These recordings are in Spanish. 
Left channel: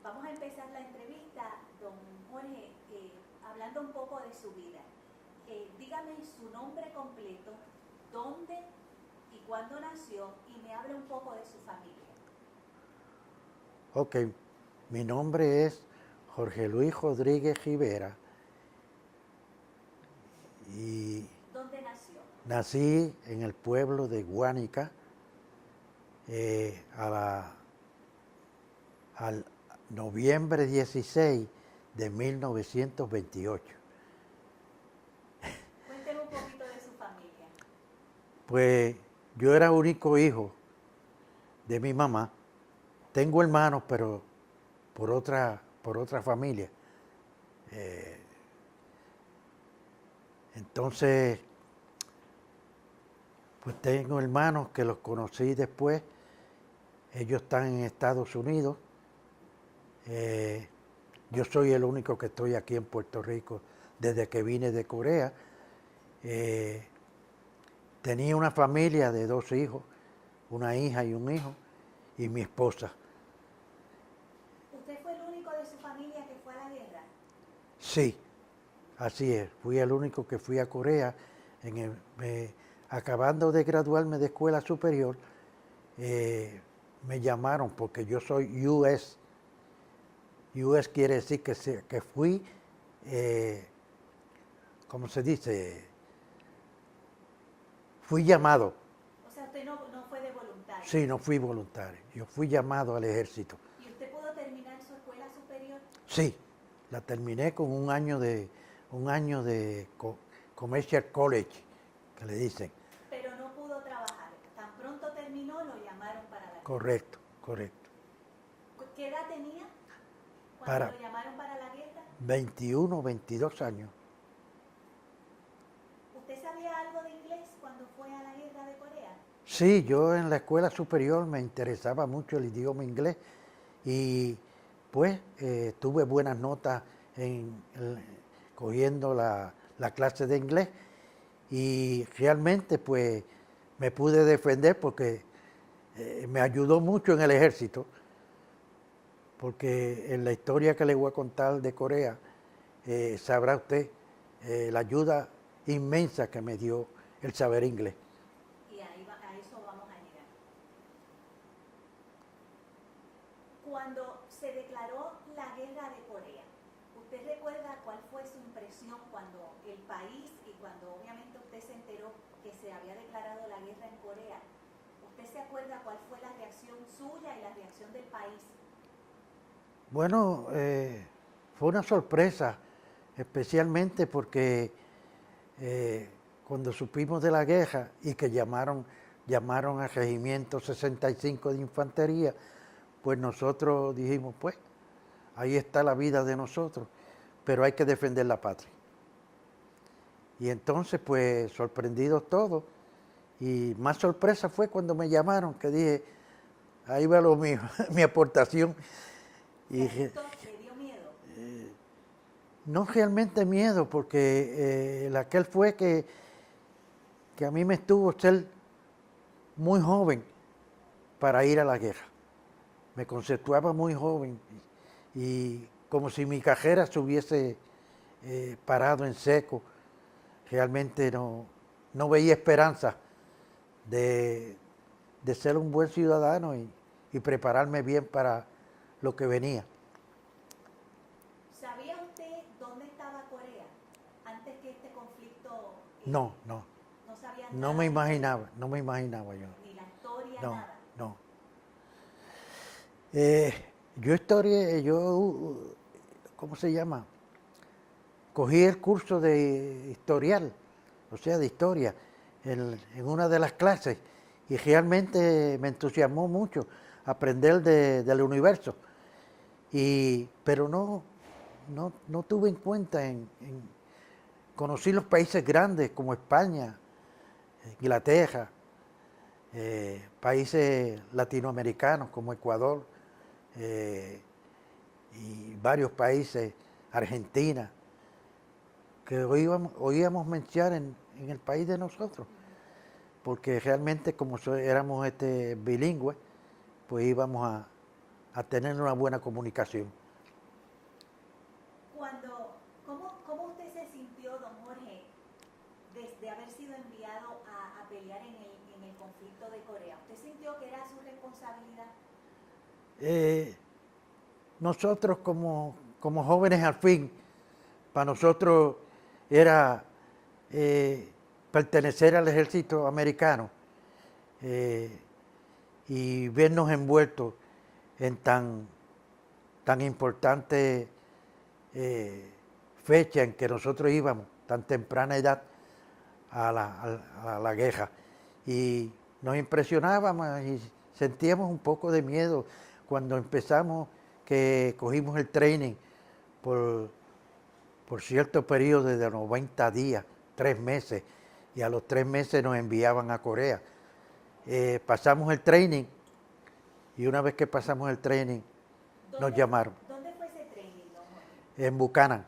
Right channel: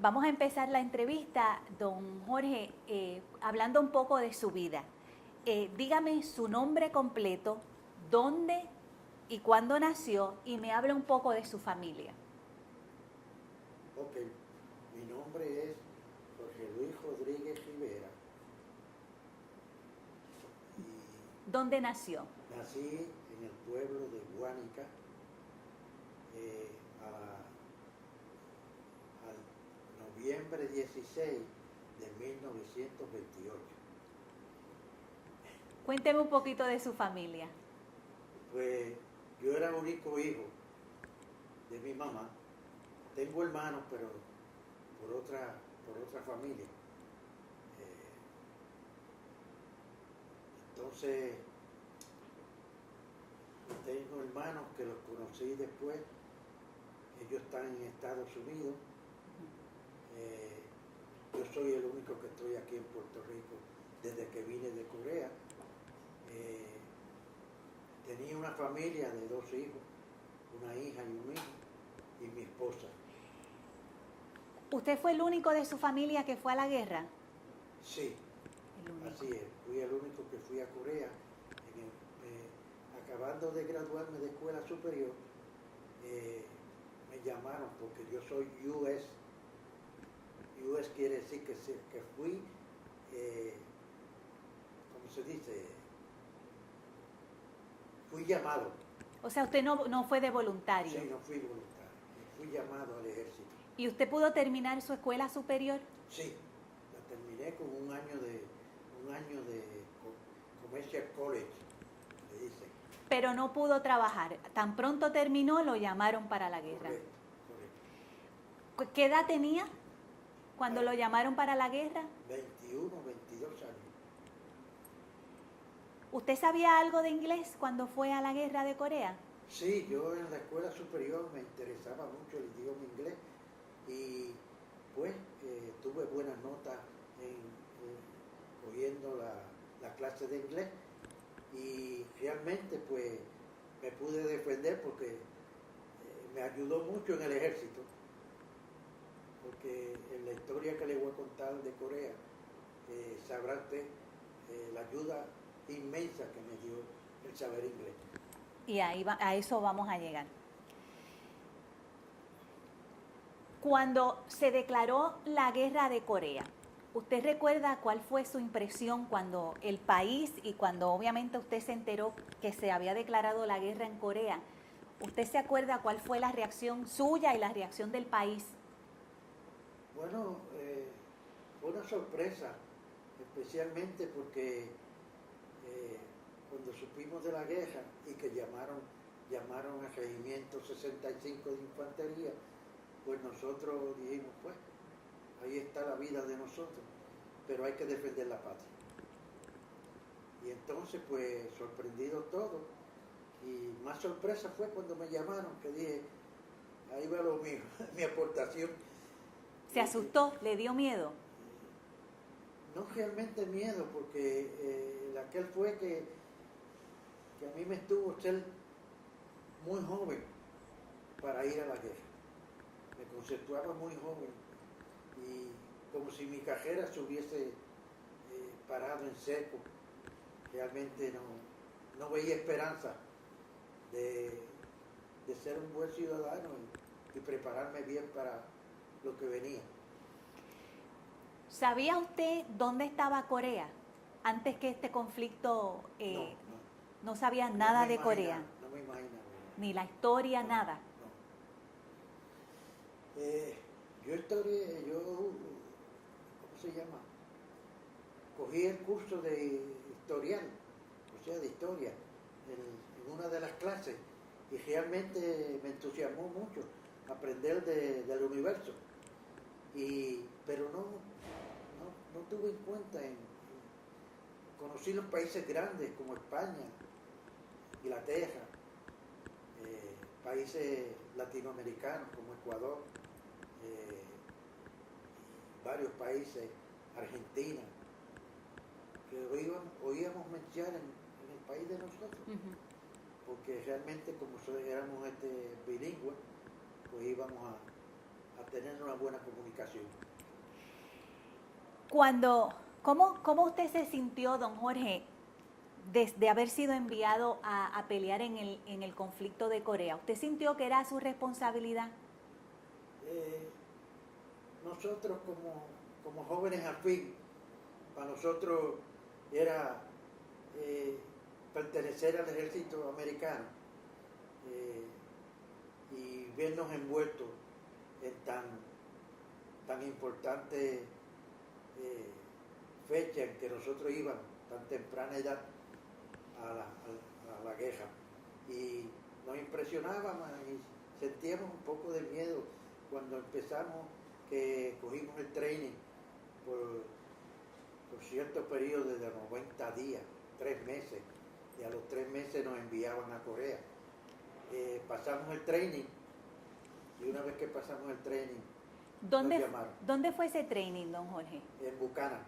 Vamos a empezar la entrevista, don Jorge, hablando un poco de su vida. Dígame su nombre completo, dónde y cuándo nació, y me habla un poco de su familia. Ok, mi nombre es Jorge Luis Rodríguez Rivera y ¿Dónde nació? nací en el pueblo de Guánica al noviembre 16 de 1928. Cuénteme un poquito de su familia. Pues yo era único hijo de mi mamá. Tengo hermanos, pero por otra familia. Entonces, pues tengo hermanos que los conocí después. Ellos están en Estados Unidos. Yo soy el único que estoy aquí en Puerto Rico desde que vine de Corea. Eh, Tenía una familia de 2 hijos, una hija y un hijo, y mi esposa. ¿Usted fue el único de su familia que fue a la guerra? Sí, El único. así es. Fui el único que fui a Corea. Acabando de graduarme de escuela superior, me llamaron porque yo soy US. US quiere decir que fui, ¿cómo se dice? Fui llamado. O sea, usted no fue de voluntario. Sí, no fui voluntario. Yo fui llamado al ejército. ¿Y usted pudo terminar su escuela superior? Sí, la terminé con un año de Commercial College, que le dicen. Pero no pudo trabajar. Tan pronto terminó, lo llamaron para la guerra. Correcto, correcto. ¿Qué edad tenía cuando Para lo llamaron para la guerra? 21, 22 años. ¿Usted sabía algo de inglés cuando fue a la guerra de Corea? Sí, yo en la escuela superior me interesaba mucho el idioma inglés y pues tuve buenas notas cogiendo la clase de inglés y realmente pues me pude defender porque me ayudó mucho en el ejército, porque en la historia que le voy a contar de Corea, sabrá usted la ayuda inmensa que me dio el saber inglés. Y a eso vamos a llegar. Cuando se declaró la guerra de Corea, ¿usted recuerda cuál fue su impresión cuando el país y cuando obviamente usted se enteró que se había declarado la guerra en Corea? ¿Usted se acuerda cuál fue la reacción suya y la reacción del país? Bueno, fue una sorpresa, especialmente porque cuando supimos de la guerra y que llamaron al Regimiento 65 de Infantería, pues nosotros dijimos, pues, ahí está la vida de nosotros, pero hay que defender la patria. Y entonces, pues, sorprendidos todos, y más sorpresa fue cuando me llamaron, que dije, ahí va lo mío, mi aportación. ¿Se asustó? ¿Le dio miedo? No realmente miedo, porque aquel fue que a mí me estuvo ser muy joven para ir a la guerra. Me conceptuaba muy joven y como si mi carrera se hubiese parado en seco. Realmente no veía esperanza de, de ser un buen ciudadano y prepararme bien para lo que venía. ¿Sabía usted dónde estaba Corea antes que este conflicto? No. No sabía No nada me de imaginaba, Corea, no me imaginaba yo. ni la historia, No, nada. no. Eh, ¿Cómo se llama? Cogí el curso de historial, o sea, de historia, en una de las clases y realmente me entusiasmó mucho aprender del universo. Pero no tuve en cuenta conocí los países grandes como España, Inglaterra, países latinoamericanos como Ecuador y varios países, Argentina, que oíamos mencionar en el país de nosotros, porque realmente como éramos bilingües, pues íbamos a tener una buena comunicación. ¿Cómo usted se sintió, don Jorge, desde haber sido enviado a pelear en el conflicto de Corea? ¿Usted sintió que era su responsabilidad? Nosotros como jóvenes al fin, para nosotros era pertenecer al ejército americano y vernos envueltos en tan importante fecha en que nosotros íbamos, tan temprana edad, a la guerra. Y nos impresionábamos y sentíamos un poco de miedo cuando empezamos, que cogimos el training por cierto periodo de 90 días, 3 meses, y a los 3 meses nos enviaban a Corea. Pasamos el training y una vez que pasamos el training nos llamaron. ¿Dónde fue ese training, don Jorge? En Buchanan.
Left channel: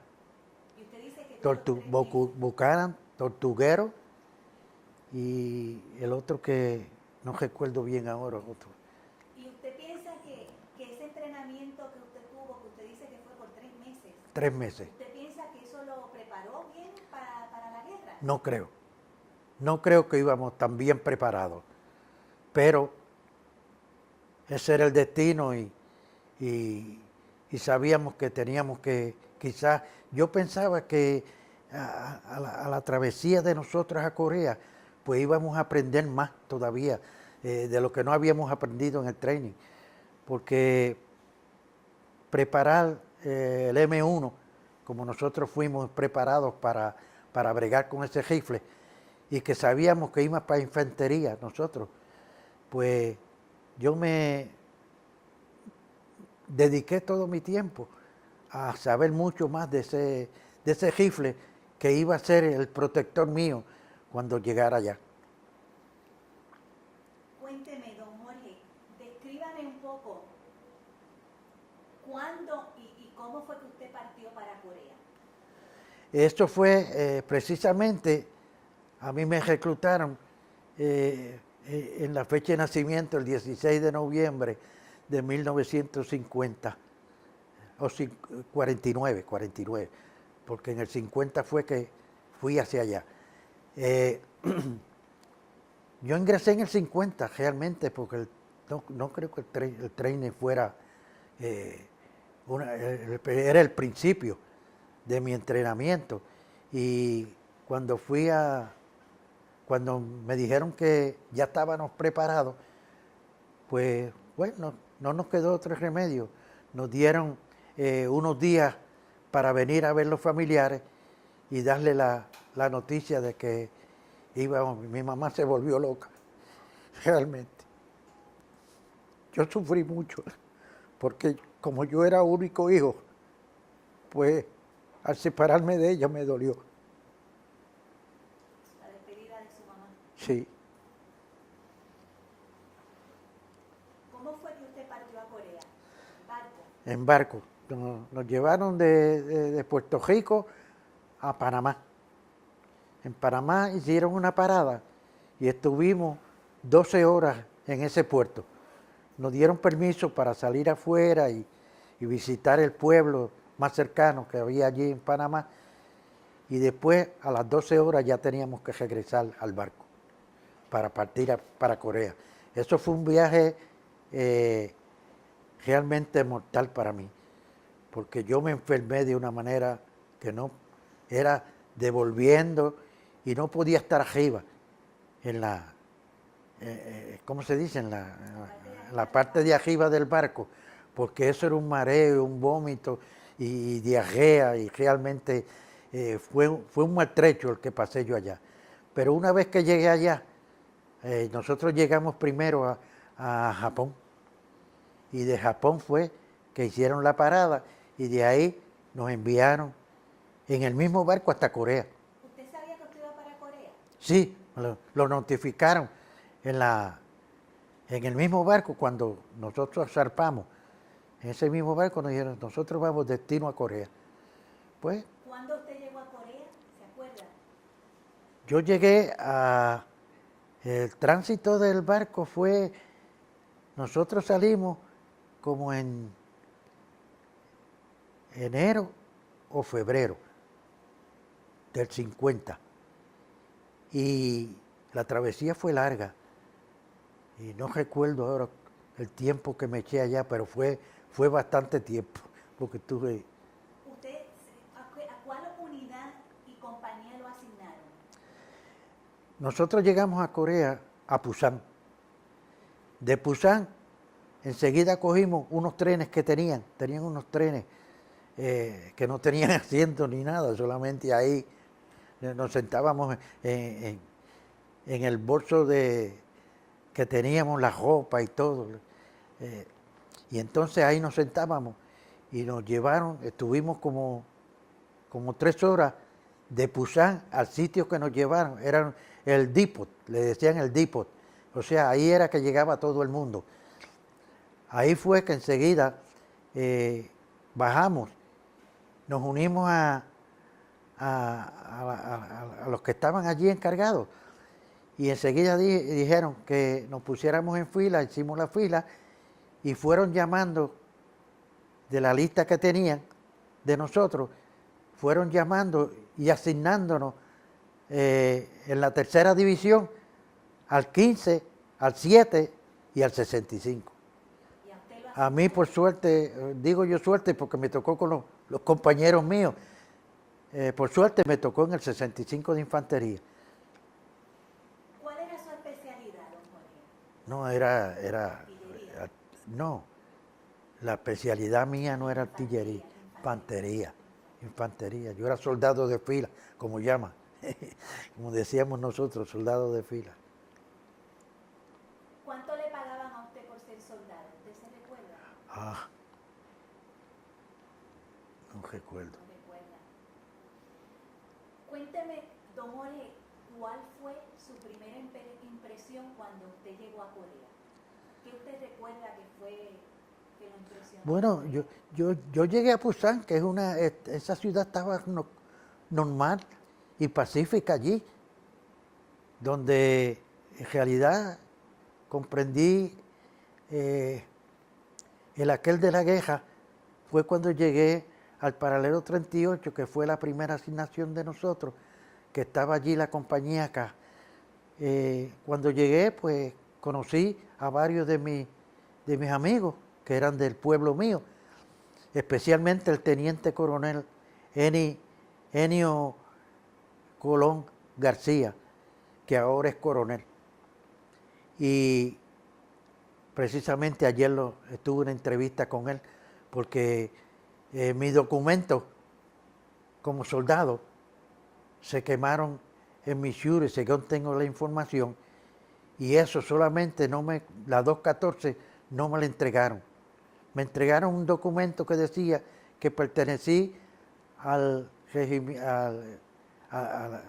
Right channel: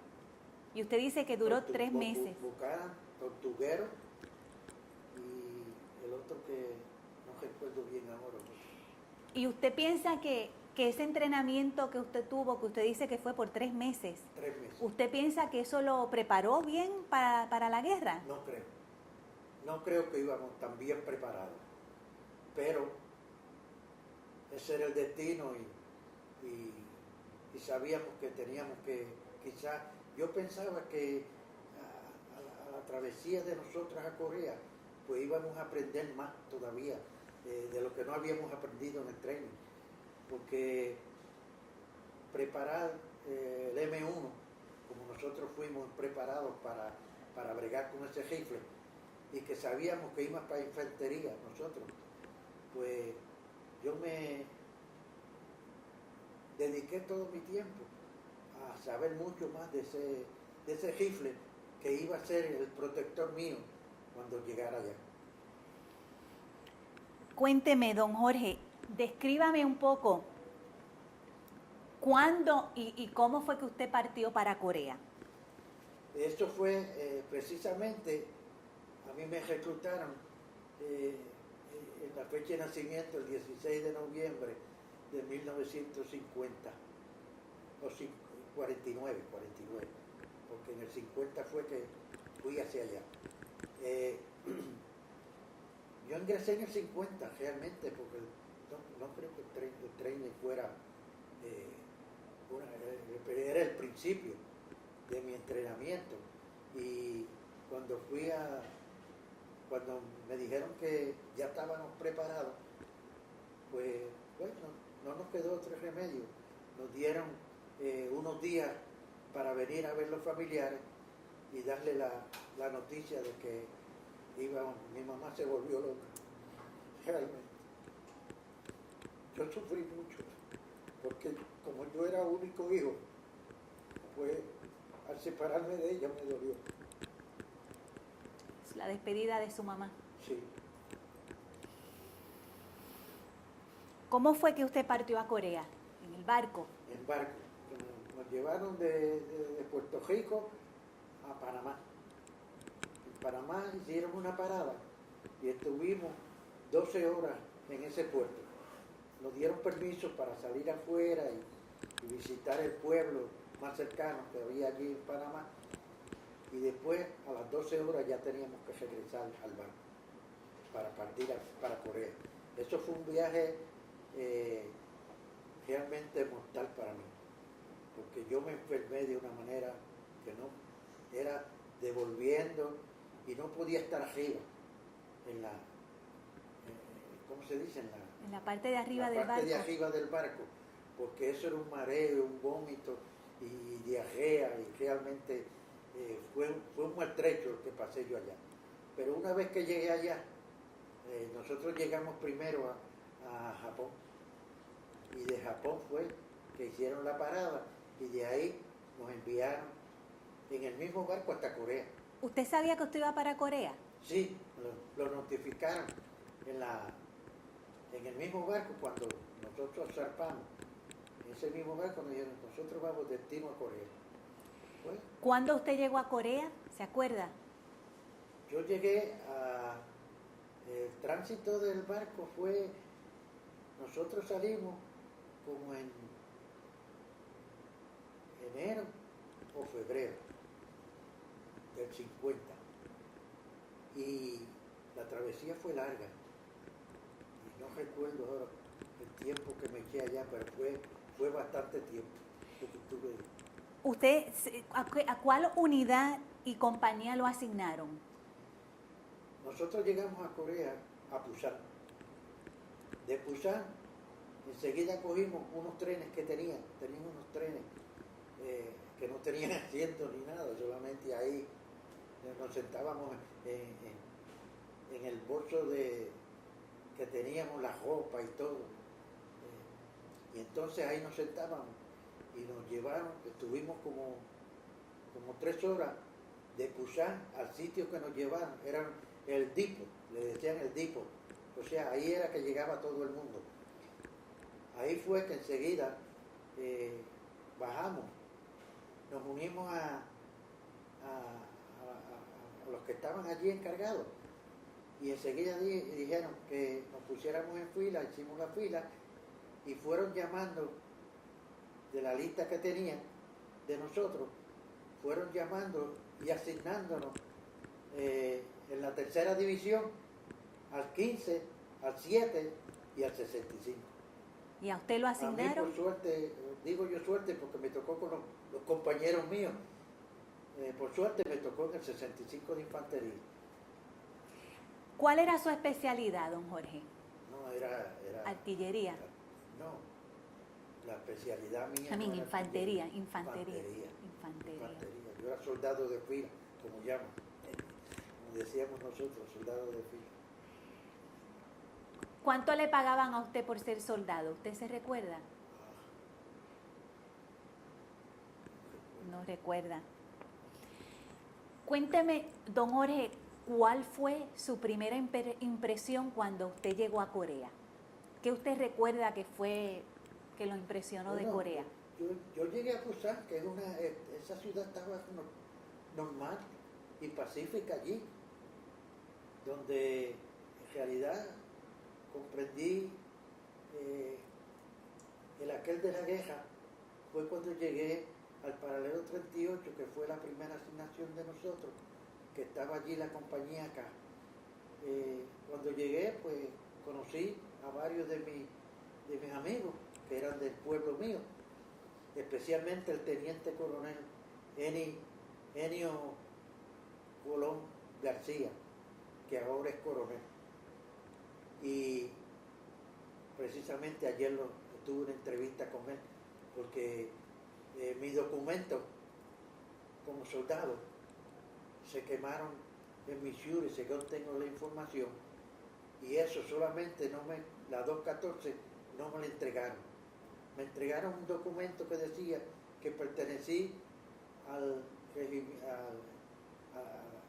Y usted dice que duró 3 meses. Buchanan, Tortuguero y el otro que no recuerdo bien ahora. Otro. ¿Y usted piensa que ese entrenamiento que usted tuvo, que usted dice que fue por 3 meses? 3 meses. ¿Usted piensa que eso lo preparó bien para la guerra? No creo. No creo que íbamos tan bien preparados. Pero ese era el destino y sabíamos que teníamos que, quizás, yo pensaba que a la travesía de nosotros a Corea, pues íbamos a aprender más todavía de lo que no habíamos aprendido en el training. Porque preparar el M1, como nosotros fuimos preparados para bregar con ese rifle, y que sabíamos que íbamos para infantería nosotros, pues yo me dediqué todo mi tiempo a saber mucho más de ese rifle que iba a ser el protector mío cuando llegara allá. Cuénteme, don Jorge, descríbame un poco cuándo y cómo fue que usted partió para Corea. Esto fue precisamente, a mí me reclutaron en la fecha de nacimiento, el 16 de noviembre de 1950, o 49, porque en el 50 fue que fui hacia allá. Yo ingresé en el 50 realmente, porque no creo que el training fuera, era el principio de mi entrenamiento. Y cuando cuando me dijeron que ya estábamos preparados, pues bueno, no nos quedó otro remedio. Nos dieron unos días para venir a ver los familiares y darle la noticia de que íbamos. Mi mamá se volvió loca, realmente. Yo sufrí mucho, porque como yo era único hijo, pues al separarme de ella me dolió. La despedida de su mamá. Sí. ¿Cómo fue que usted partió a Corea? ¿En el barco? En barco. Nos llevaron de Puerto Rico a Panamá. En Panamá hicieron una parada y estuvimos 12 horas en ese puerto. Nos dieron permiso para salir afuera y visitar el pueblo más cercano que había allí en Panamá. Y después, a las 12 horas, ya teníamos que regresar al barco para partir para Corea. Eso fue un viaje realmente mortal para mí, porque yo me enfermé de una manera que no era devolviendo y no podía estar arriba en la, ¿cómo se dice? En la parte de arriba del barco, porque eso era un mareo, un vómito y diarrea, y realmente fue un maltrecho el que pasé yo allá. Pero una vez que llegué allá, nosotros llegamos primero a Japón, y de Japón fue que hicieron la parada y de ahí nos enviaron en el mismo barco hasta Corea. ¿Usted sabía que usted iba para Corea? Sí, lo notificaron en el mismo barco cuando nosotros zarpamos. En ese mismo barco nos dijeron, nosotros vamos destino a Corea. Pues, ¿cuándo usted llegó a Corea? ¿Se acuerda? Yo llegué el tránsito del barco fue, nosotros salimos como en enero o febrero del 50. Y la travesía fue larga. Y no recuerdo ahora el tiempo que me eché allá, pero fue bastante tiempo. Porque tuve. ¿Usted a cuál unidad y compañía lo asignaron? Nosotros llegamos a Corea, a Pusan. De Pusan, enseguida cogimos unos trenes que tenían unos trenes que no tenían asiento ni nada, solamente ahí nos sentábamos en el bolso que teníamos la ropa y todo. Y entonces ahí nos sentábamos y nos llevaron, estuvimos como 3 horas de Pusan al sitio que nos llevaron, era el depot, le decían el depot, o sea, ahí era que llegaba todo el mundo. Ahí fue que enseguida bajamos, nos unimos a los que estaban allí encargados y enseguida dijeron que nos pusiéramos en fila, hicimos la fila y fueron llamando de la lista que tenían de nosotros, fueron llamando y asignándonos en la tercera división al 15, al 7 y al 65. ¿Y a usted lo asignaron? A mí, por suerte, digo yo suerte porque me tocó con los compañeros míos, por suerte me tocó en el 65 de infantería. ¿Cuál era su especialidad, don Jorge? No, era Artillería. No, la especialidad mía no era Infantería, artillería, infantería. Yo era soldado de fila, como llaman, como decíamos nosotros, soldado de fila. ¿Cuánto le pagaban a usted por ser soldado? ¿Usted se recuerda? No recuerdo. No recuerda. Cuénteme, don Jorge, ¿cuál fue su primera impresión cuando usted llegó a Corea? ¿Qué usted recuerda que fue que lo impresionó de Bueno, Corea? yo llegué a Pusan, que esa ciudad estaba normal y pacífica allí, donde en realidad comprendí el aquel de la guerra, fue cuando llegué al paralelo 38, que fue la primera asignación de nosotros, que estaba allí la compañía acá. Cuando llegué, pues conocí a varios de mis amigos que eran del pueblo mío, especialmente el teniente coronel Enio Colón García, que ahora es coronel. Y precisamente ayer tuve una entrevista con él, porque mis documentos como soldado se quemaron en Missouri, según tengo la información, y eso solamente la 214 no me la entregaron. Me entregaron un documento que decía que pertenecí a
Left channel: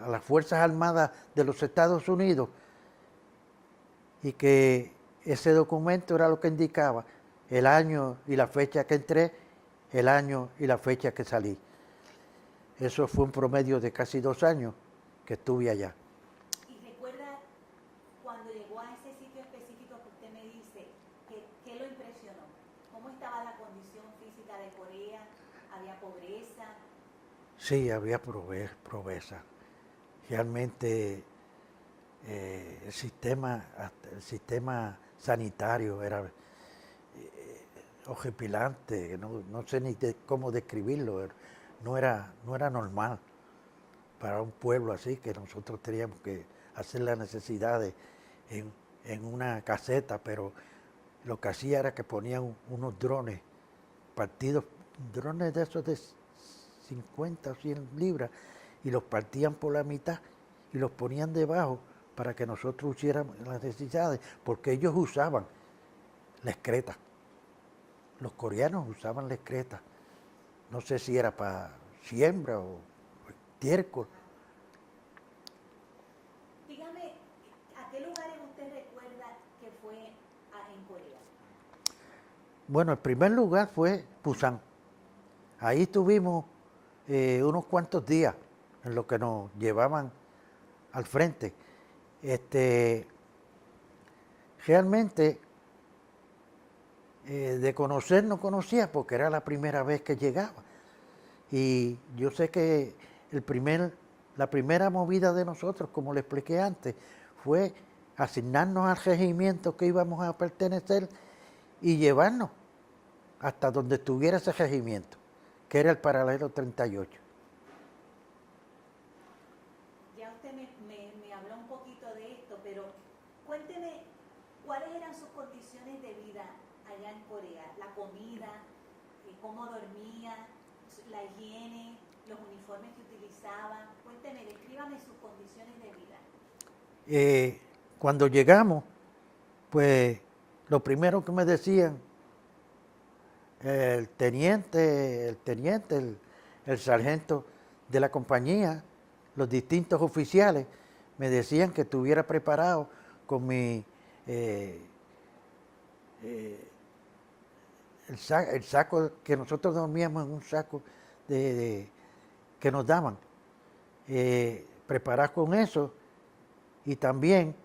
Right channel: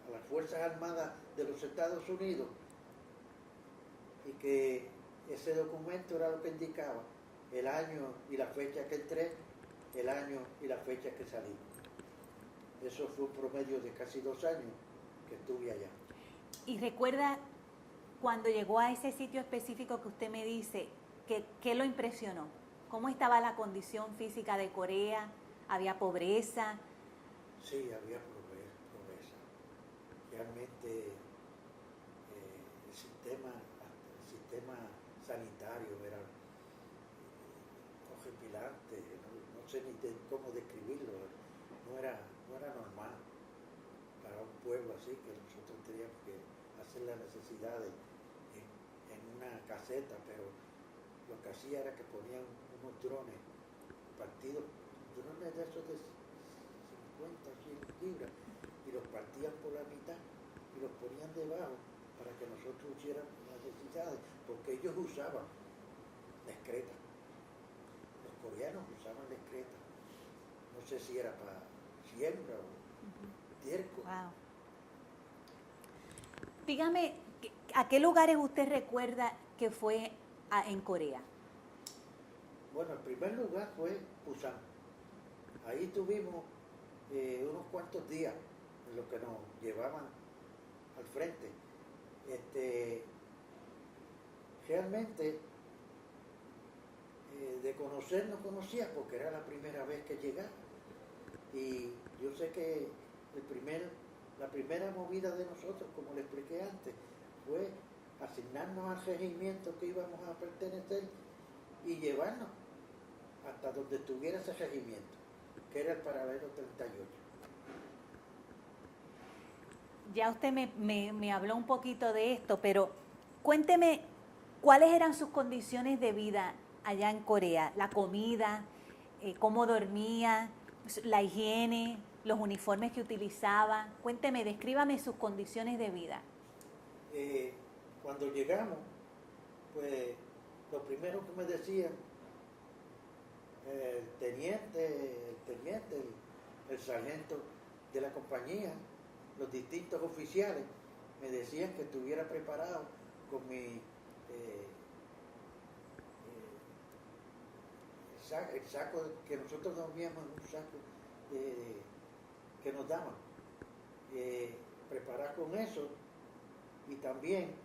las Fuerzas Armadas de los Estados Unidos y que ese documento era lo que indicaba el año y la fecha que entré, el año y la fecha que salí. Eso fue un promedio de casi 2 años que estuve allá. ¿Y recuerda cuando llegó a ese sitio específico que usted me dice, qué lo impresionó? ¿Cómo estaba la condición física de Corea? ¿Había pobreza? Sí, había pobreza. Realmente el sistema sanitario era horripilante, no sé ni cómo describirlo, no era normal para un pueblo así, que nosotros teníamos que hacer las necesidades en una caseta, pero lo que hacía era que ponían unos drones partidos, drones de esos de 50 o 100 libras, y los partían por la mitad y los ponían debajo para que nosotros hiciéramos las necesidades, porque ellos usaban la excreta. Los coreanos usaban la excreta. No sé si era para siembra o estiércol. Wow. Dígame, ¿a qué lugares usted recuerda que fue en Corea? Bueno, el primer lugar fue Pusan. Ahí estuvimos unos cuantos días en lo que nos llevaban al frente. Realmente de conocer no conocía porque era la primera vez que llegaba. Y yo sé que la primera movida de nosotros, como le expliqué antes, fue asignarnos al regimiento que íbamos a pertenecer y llevarnos hasta donde estuviera ese regimiento, que era el paralelo 38. Ya usted me habló un poquito de esto, pero cuénteme cuáles eran sus condiciones de vida allá en Corea, la comida, cómo dormía, la higiene, los uniformes que utilizaba. Cuénteme, descríbame sus condiciones de vida. Cuando llegamos, pues lo primero que me decían, el sargento de la compañía, los distintos oficiales, me decían que estuviera preparado con mi el saco que nosotros dormíamos en un saco que nos daban, preparar con eso, y también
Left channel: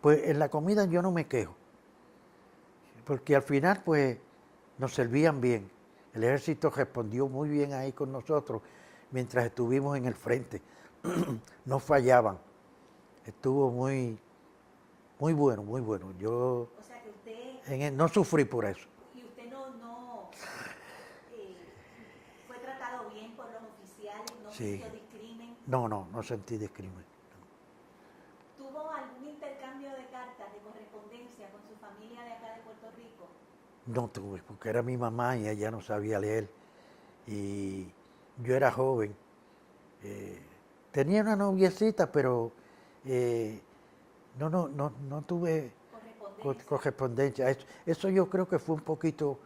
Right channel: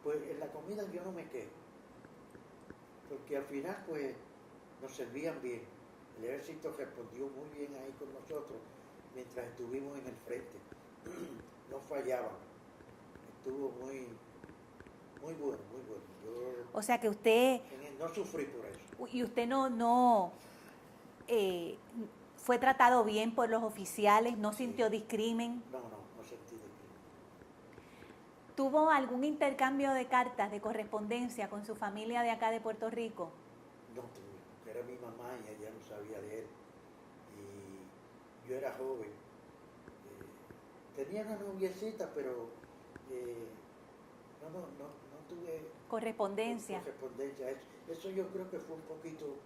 pues en la comida yo no me quejo, porque al final pues nos servían bien. El ejército respondió muy bien ahí con nosotros mientras estuvimos en el frente. No fallaban. Estuvo muy bueno, muy bueno. Yo O sea que usted, no sufrí por eso. y usted no eh, fue tratado bien por los oficiales, no Sí. sintió discrimen. No sentí discrimen. ¿Tuvo algún intercambio de cartas, de correspondencia con su familia de acá de Puerto Rico? No tuve, porque era mi mamá y ella no sabía leer. Y yo era joven. Tenía una noviecita, pero no tuve Correspondencia. correspondencia. Eso yo creo que fue un poquito,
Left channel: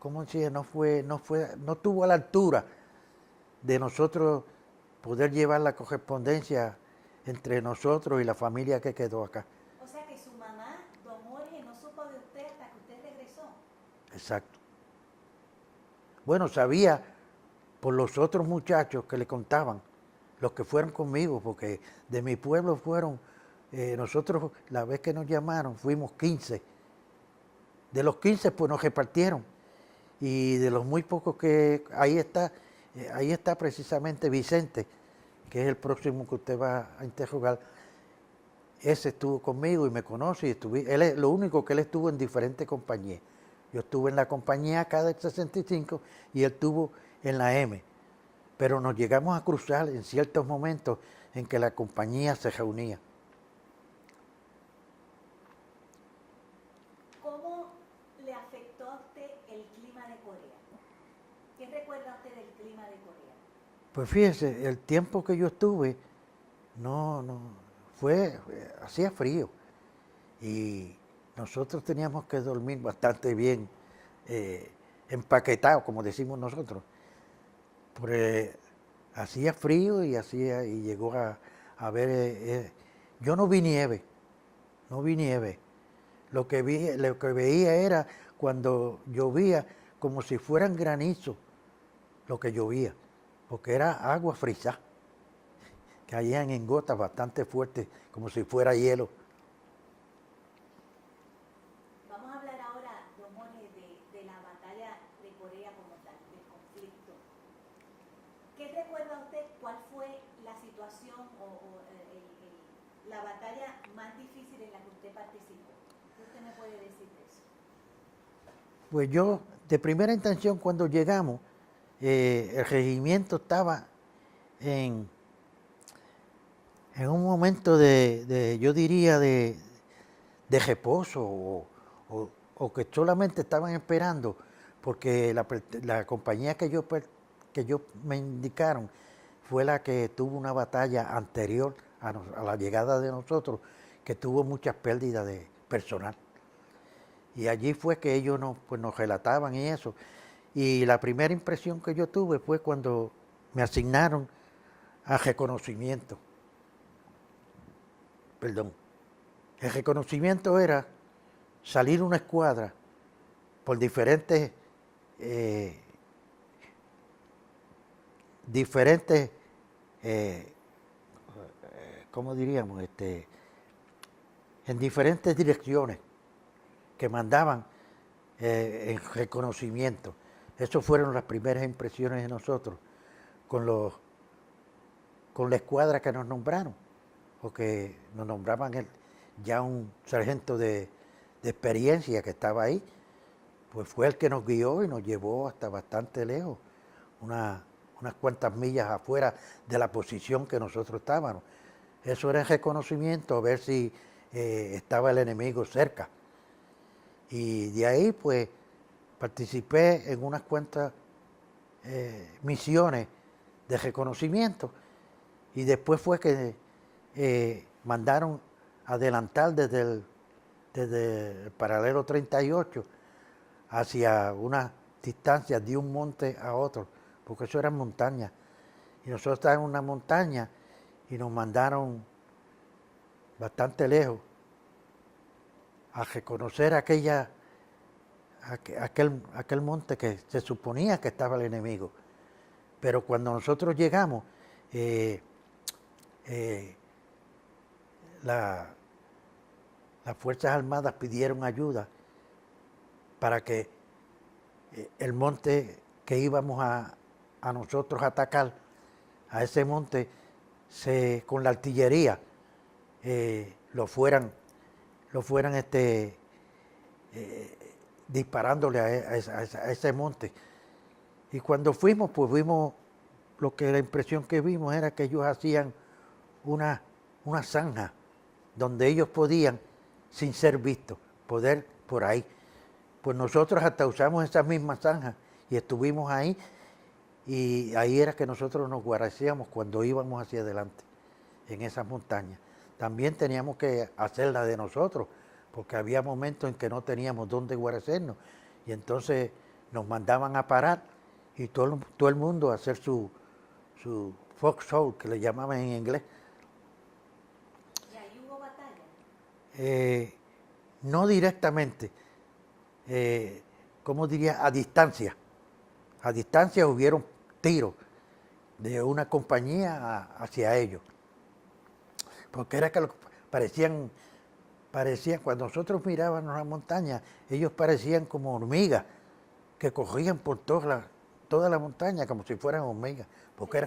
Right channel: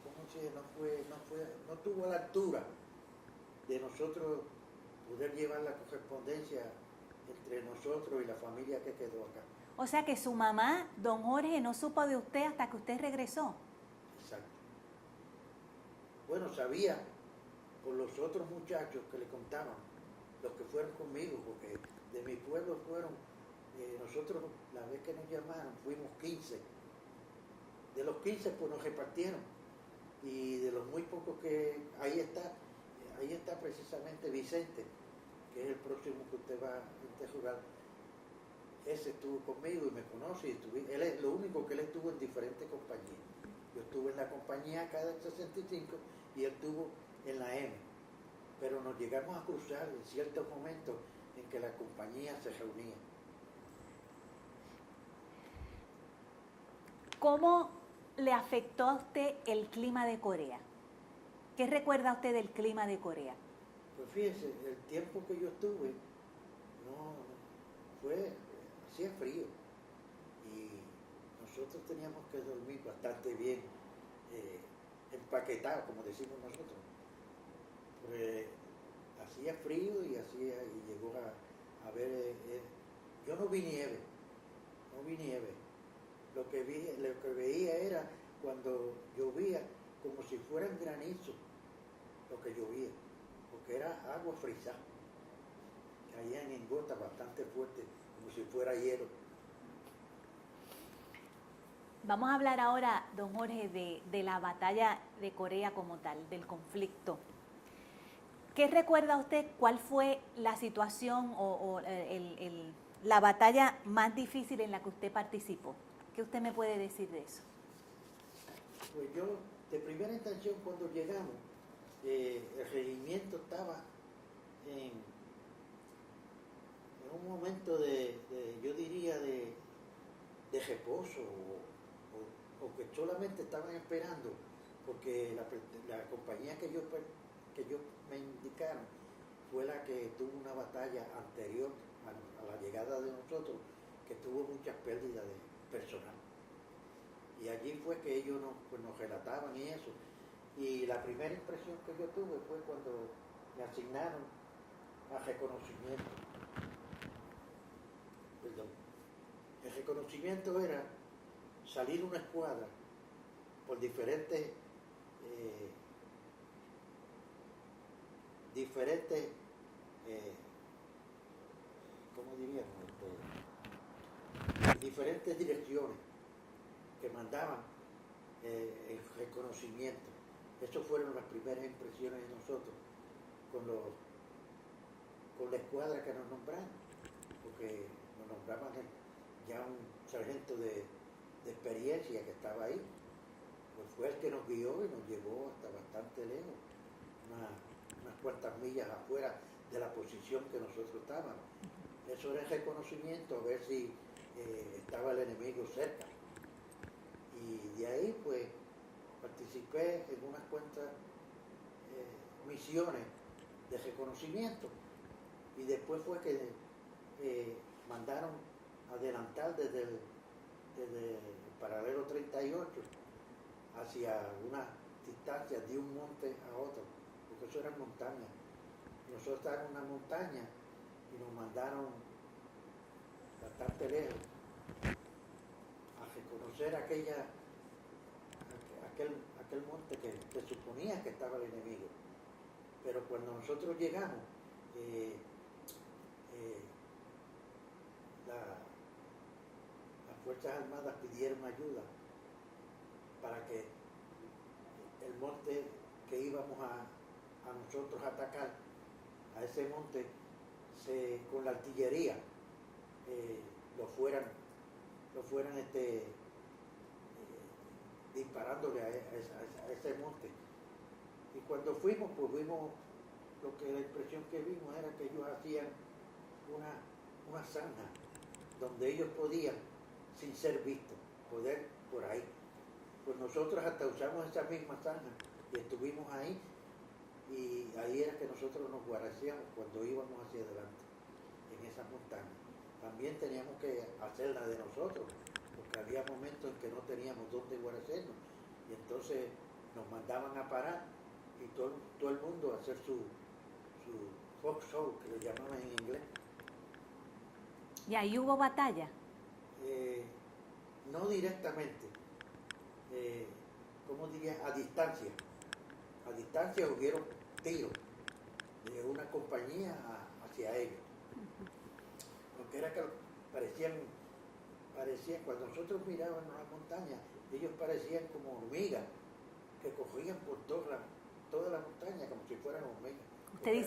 ¿cómo decía? No estuvo a la altura de nosotros poder llevar la correspondencia entre nosotros y la familia que quedó acá. O sea que su mamá, don Jorge, no supo de usted hasta que usted regresó. Exacto. Bueno, sabía por los otros muchachos que le contaban, los que fueron conmigo, porque de mi pueblo fueron, nosotros la vez que nos llamaron fuimos 15. De los 15 pues nos repartieron, y de los muy pocos que ahí está precisamente Vicente, que es el próximo que usted va a interrogar. Ese estuvo conmigo y me conoce, y él es lo único que él estuvo en diferentes compañías. Yo estuve en la compañía acá del 65 y él estuvo en la M. Pero nos llegamos a cruzar en ciertos momentos en que la compañía se reunía. ¿Cómo le afectó a usted el clima de Corea? ¿Qué recuerda usted del clima de Corea? Pues fíjese, el tiempo que yo estuve, hacía frío. Y nosotros teníamos que dormir bastante bien, empaquetados, como decimos nosotros. Porque hacía frío y llegó a ver, yo no vi nieve. Lo que veía era cuando llovía como si fueran granizos lo que llovía, porque era agua frisada, caían en gotas bastante fuertes, como si fuera hielo. Vamos a hablar ahora, don Jorge, de la batalla de Corea como tal, del conflicto. ¿Qué recuerda usted? ¿Cuál fue la situación o la batalla más difícil en la que usted participó? ¿Qué usted me puede decir de eso? Pues yo, de primera intención, cuando llegamos, el regimiento estaba en un momento yo diría, de reposo, o que solamente estaban esperando, porque la compañía que yo me indicaron fue la que tuvo una batalla anterior a la llegada de nosotros, que tuvo muchas pérdidas de personal. Y allí fue que ellos nos relataban y eso. Y la primera impresión que yo tuve fue cuando me asignaron a reconocimiento. Perdón. El reconocimiento era salir una escuadra por diferentes ¿cómo diríamos? En diferentes direcciones. que mandaban en reconocimiento. Esas fueron las primeras impresiones de nosotros con la escuadra que nos nombraron, porque nos nombraban ya un sargento de experiencia que estaba ahí, pues fue el que nos guió y nos llevó hasta bastante lejos, unas cuantas millas afuera de la posición que nosotros estábamos. Eso era el reconocimiento, a ver si estaba el enemigo cerca. Y de ahí pues participé en unas cuantas misiones de reconocimiento y después fue que mandaron adelantar desde el paralelo 38 hacia una distancia de un monte a otro, porque eso eran montañas. Y nosotros estábamos en una montaña y nos mandaron bastante lejos a reconocer aquel monte que se suponía que estaba el enemigo. Pero cuando nosotros llegamos, las Fuerzas Armadas pidieron ayuda para que el monte que íbamos a nosotros atacar, a ese monte, con la artillería, lo fueran disparándole a ese monte. Y cuando fuimos, pues vimos, la impresión que vimos era que ellos hacían una zanja donde ellos podían, sin ser vistos, poder por ahí. Pues nosotros hasta usamos esas mismas zanjas y estuvimos ahí, y ahí era que nosotros nos guarecíamos cuando íbamos hacia adelante, en esas montañas. También teníamos que hacerla de nosotros, porque había momentos en que no teníamos dónde guarecernos, y entonces nos mandaban a parar, y todo el mundo a hacer su foxhole, que le llamaban en inglés. ¿Y ahí hubo batalla? No directamente, ¿cómo diría? A distancia. A distancia hubieron tiros de una compañía hacia ellos. Porque era que parecían, cuando nosotros mirábamos la montaña, ellos parecían como hormigas que corrían por toda la montaña como si fueran hormigas. Porque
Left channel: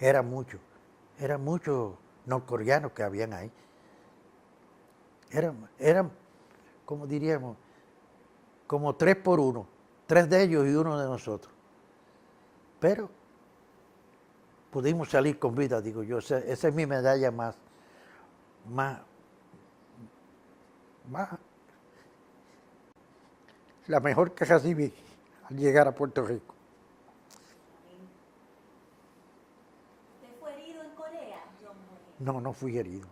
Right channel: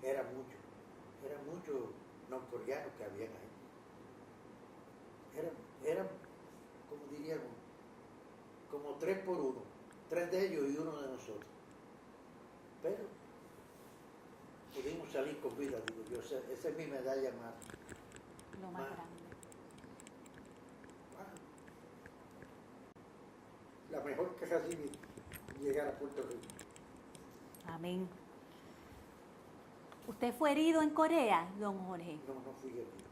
era muchos norcoreanos que habían ahí. Eran, como diríamos, como 3 por 1, 3 de ellos y 1 de nosotros. Pero pudimos salir con vida, digo yo. Esa es mi medalla más, la mejor que recibí al llegar a Puerto Rico. Amén. ¿Usted fue herido en Corea, don Jorge? No, no fui herido.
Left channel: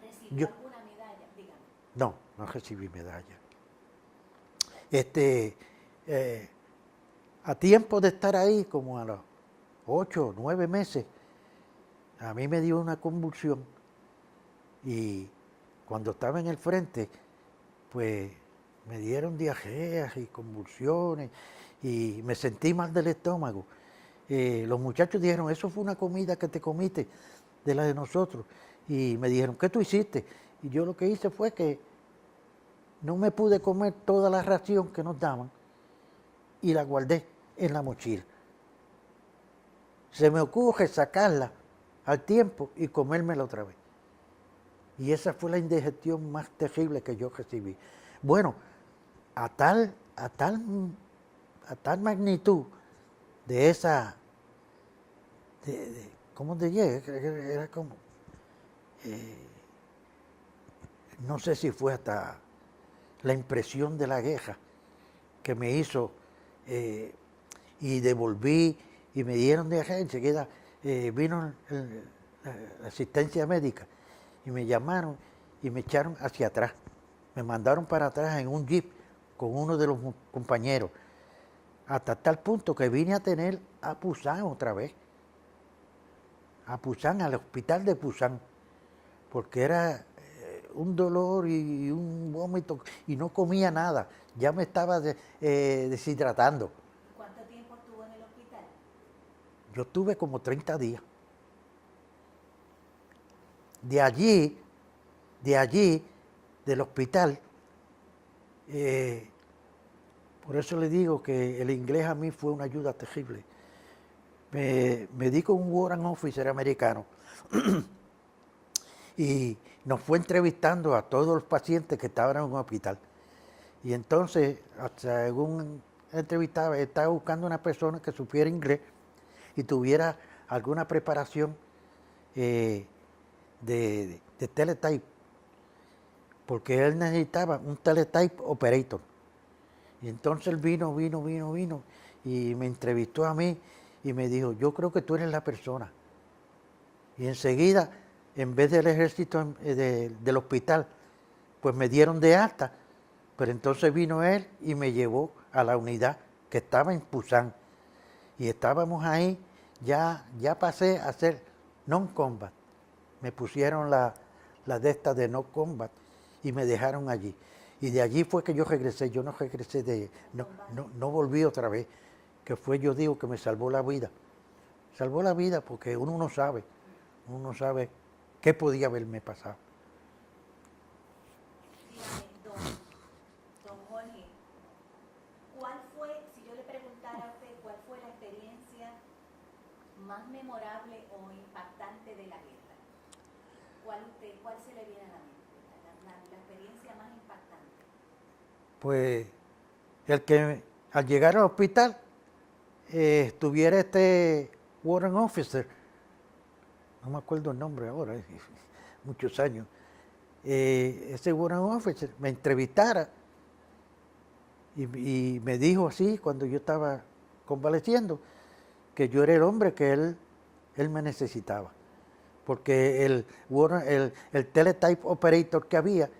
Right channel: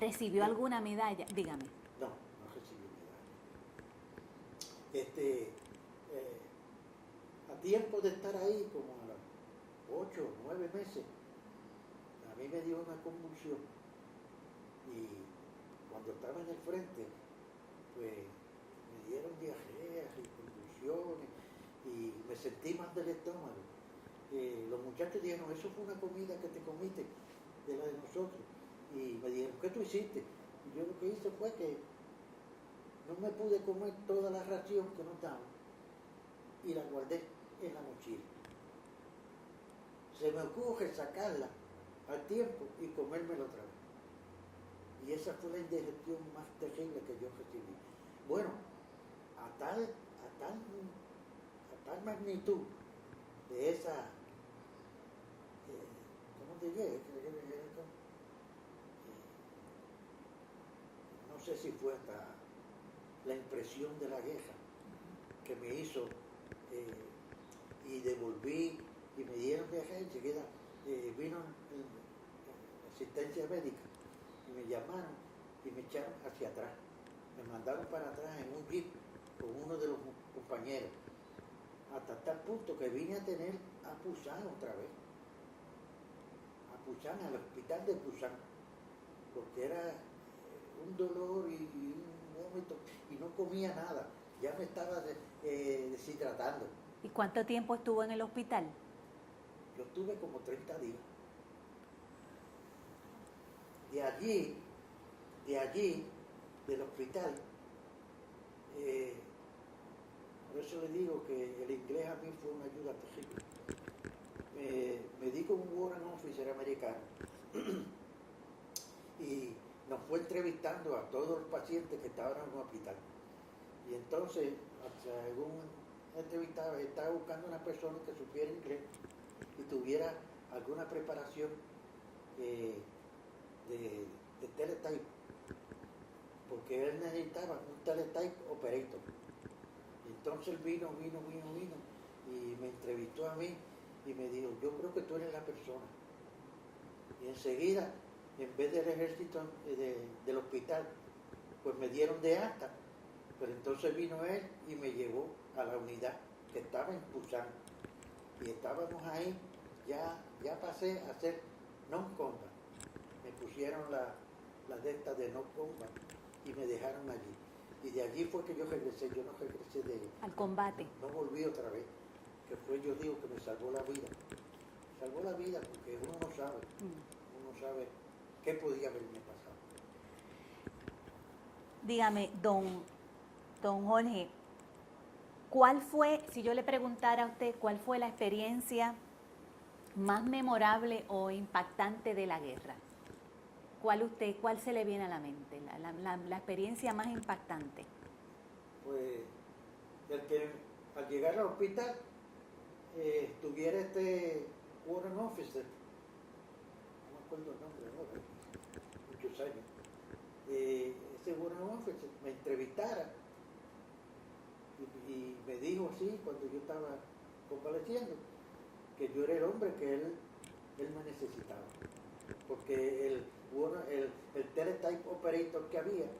¿Recibió alguna medalla? Dígame. No, no recibí medalla. A tiempo de estar ahí, como a los 8 o 9 meses, a mí me dio una convulsión, y cuando estaba en el frente, pues me dieron diarreas y convulsiones y me sentí mal del estómago. Los muchachos dijeron, eso fue una comida que te comiste de la de nosotros, y me dijeron, ¿qué tú hiciste? Y yo lo que hice fue que no me pude comer toda la ración que nos daban y la guardé en la mochila. Se me ocurre sacarla al tiempo y comérmela otra vez. Y esa fue la indigestión más terrible que yo recibí. Bueno, a tal magnitud de esa, ¿cómo te llega? Era como, no sé si fue hasta la impresión de la guerra que me hizo, y devolví, y me dieron de acá, enseguida vino la asistencia médica, y me llamaron y me echaron hacia atrás. Me mandaron para atrás en un jeep con uno de los compañeros, hasta tal punto que vine a tener a Pusan otra vez. A Pusan, al hospital de Pusan, porque era un dolor y un vómito, y no comía nada. Ya me estaba deshidratando. ¿Y cuánto tiempo estuvo en el hospital? Yo estuve como 30 días. De allí, del hospital, Eh, por eso le digo que el inglés a mí fue una ayuda terrible. Me di con un Warrant Officer americano y nos fue entrevistando a todos los pacientes que estaban en un hospital. Y entonces, según entrevistaba, estaba buscando una persona que supiera inglés y tuviera alguna preparación de teletype, porque él necesitaba un teletype operator. Y entonces él vino y me entrevistó a mí y me dijo, yo creo que tú eres la persona. Y enseguida, en vez del ejército del hospital, pues me dieron de alta. Pero entonces vino él y me llevó a la unidad que estaba en Pusan. Y estábamos ahí, ya pasé a ser non-combat. Me pusieron la de estas de no combat y me dejaron allí. Y de allí fue que yo regresé, yo no regresé Al combate. no volví otra vez, que fue, yo digo, que me salvó la vida. Salvó la vida porque uno no sabe qué podía haberme pasado. Dígame, don Jorge, ¿cuál fue, si yo le preguntara a usted, cuál fue la experiencia más memorable o impactante de la guerra? ¿Cuál se le viene a la mente? La experiencia más impactante. Pues el que al llegar al hospital estuviera este Warrant Officer, no me acuerdo el nombre ahora, muchos años, ese Warrant Officer me entrevistara y me dijo así cuando yo estaba convaleciendo que yo era el hombre que él me necesitaba. Porque el teletype operator que había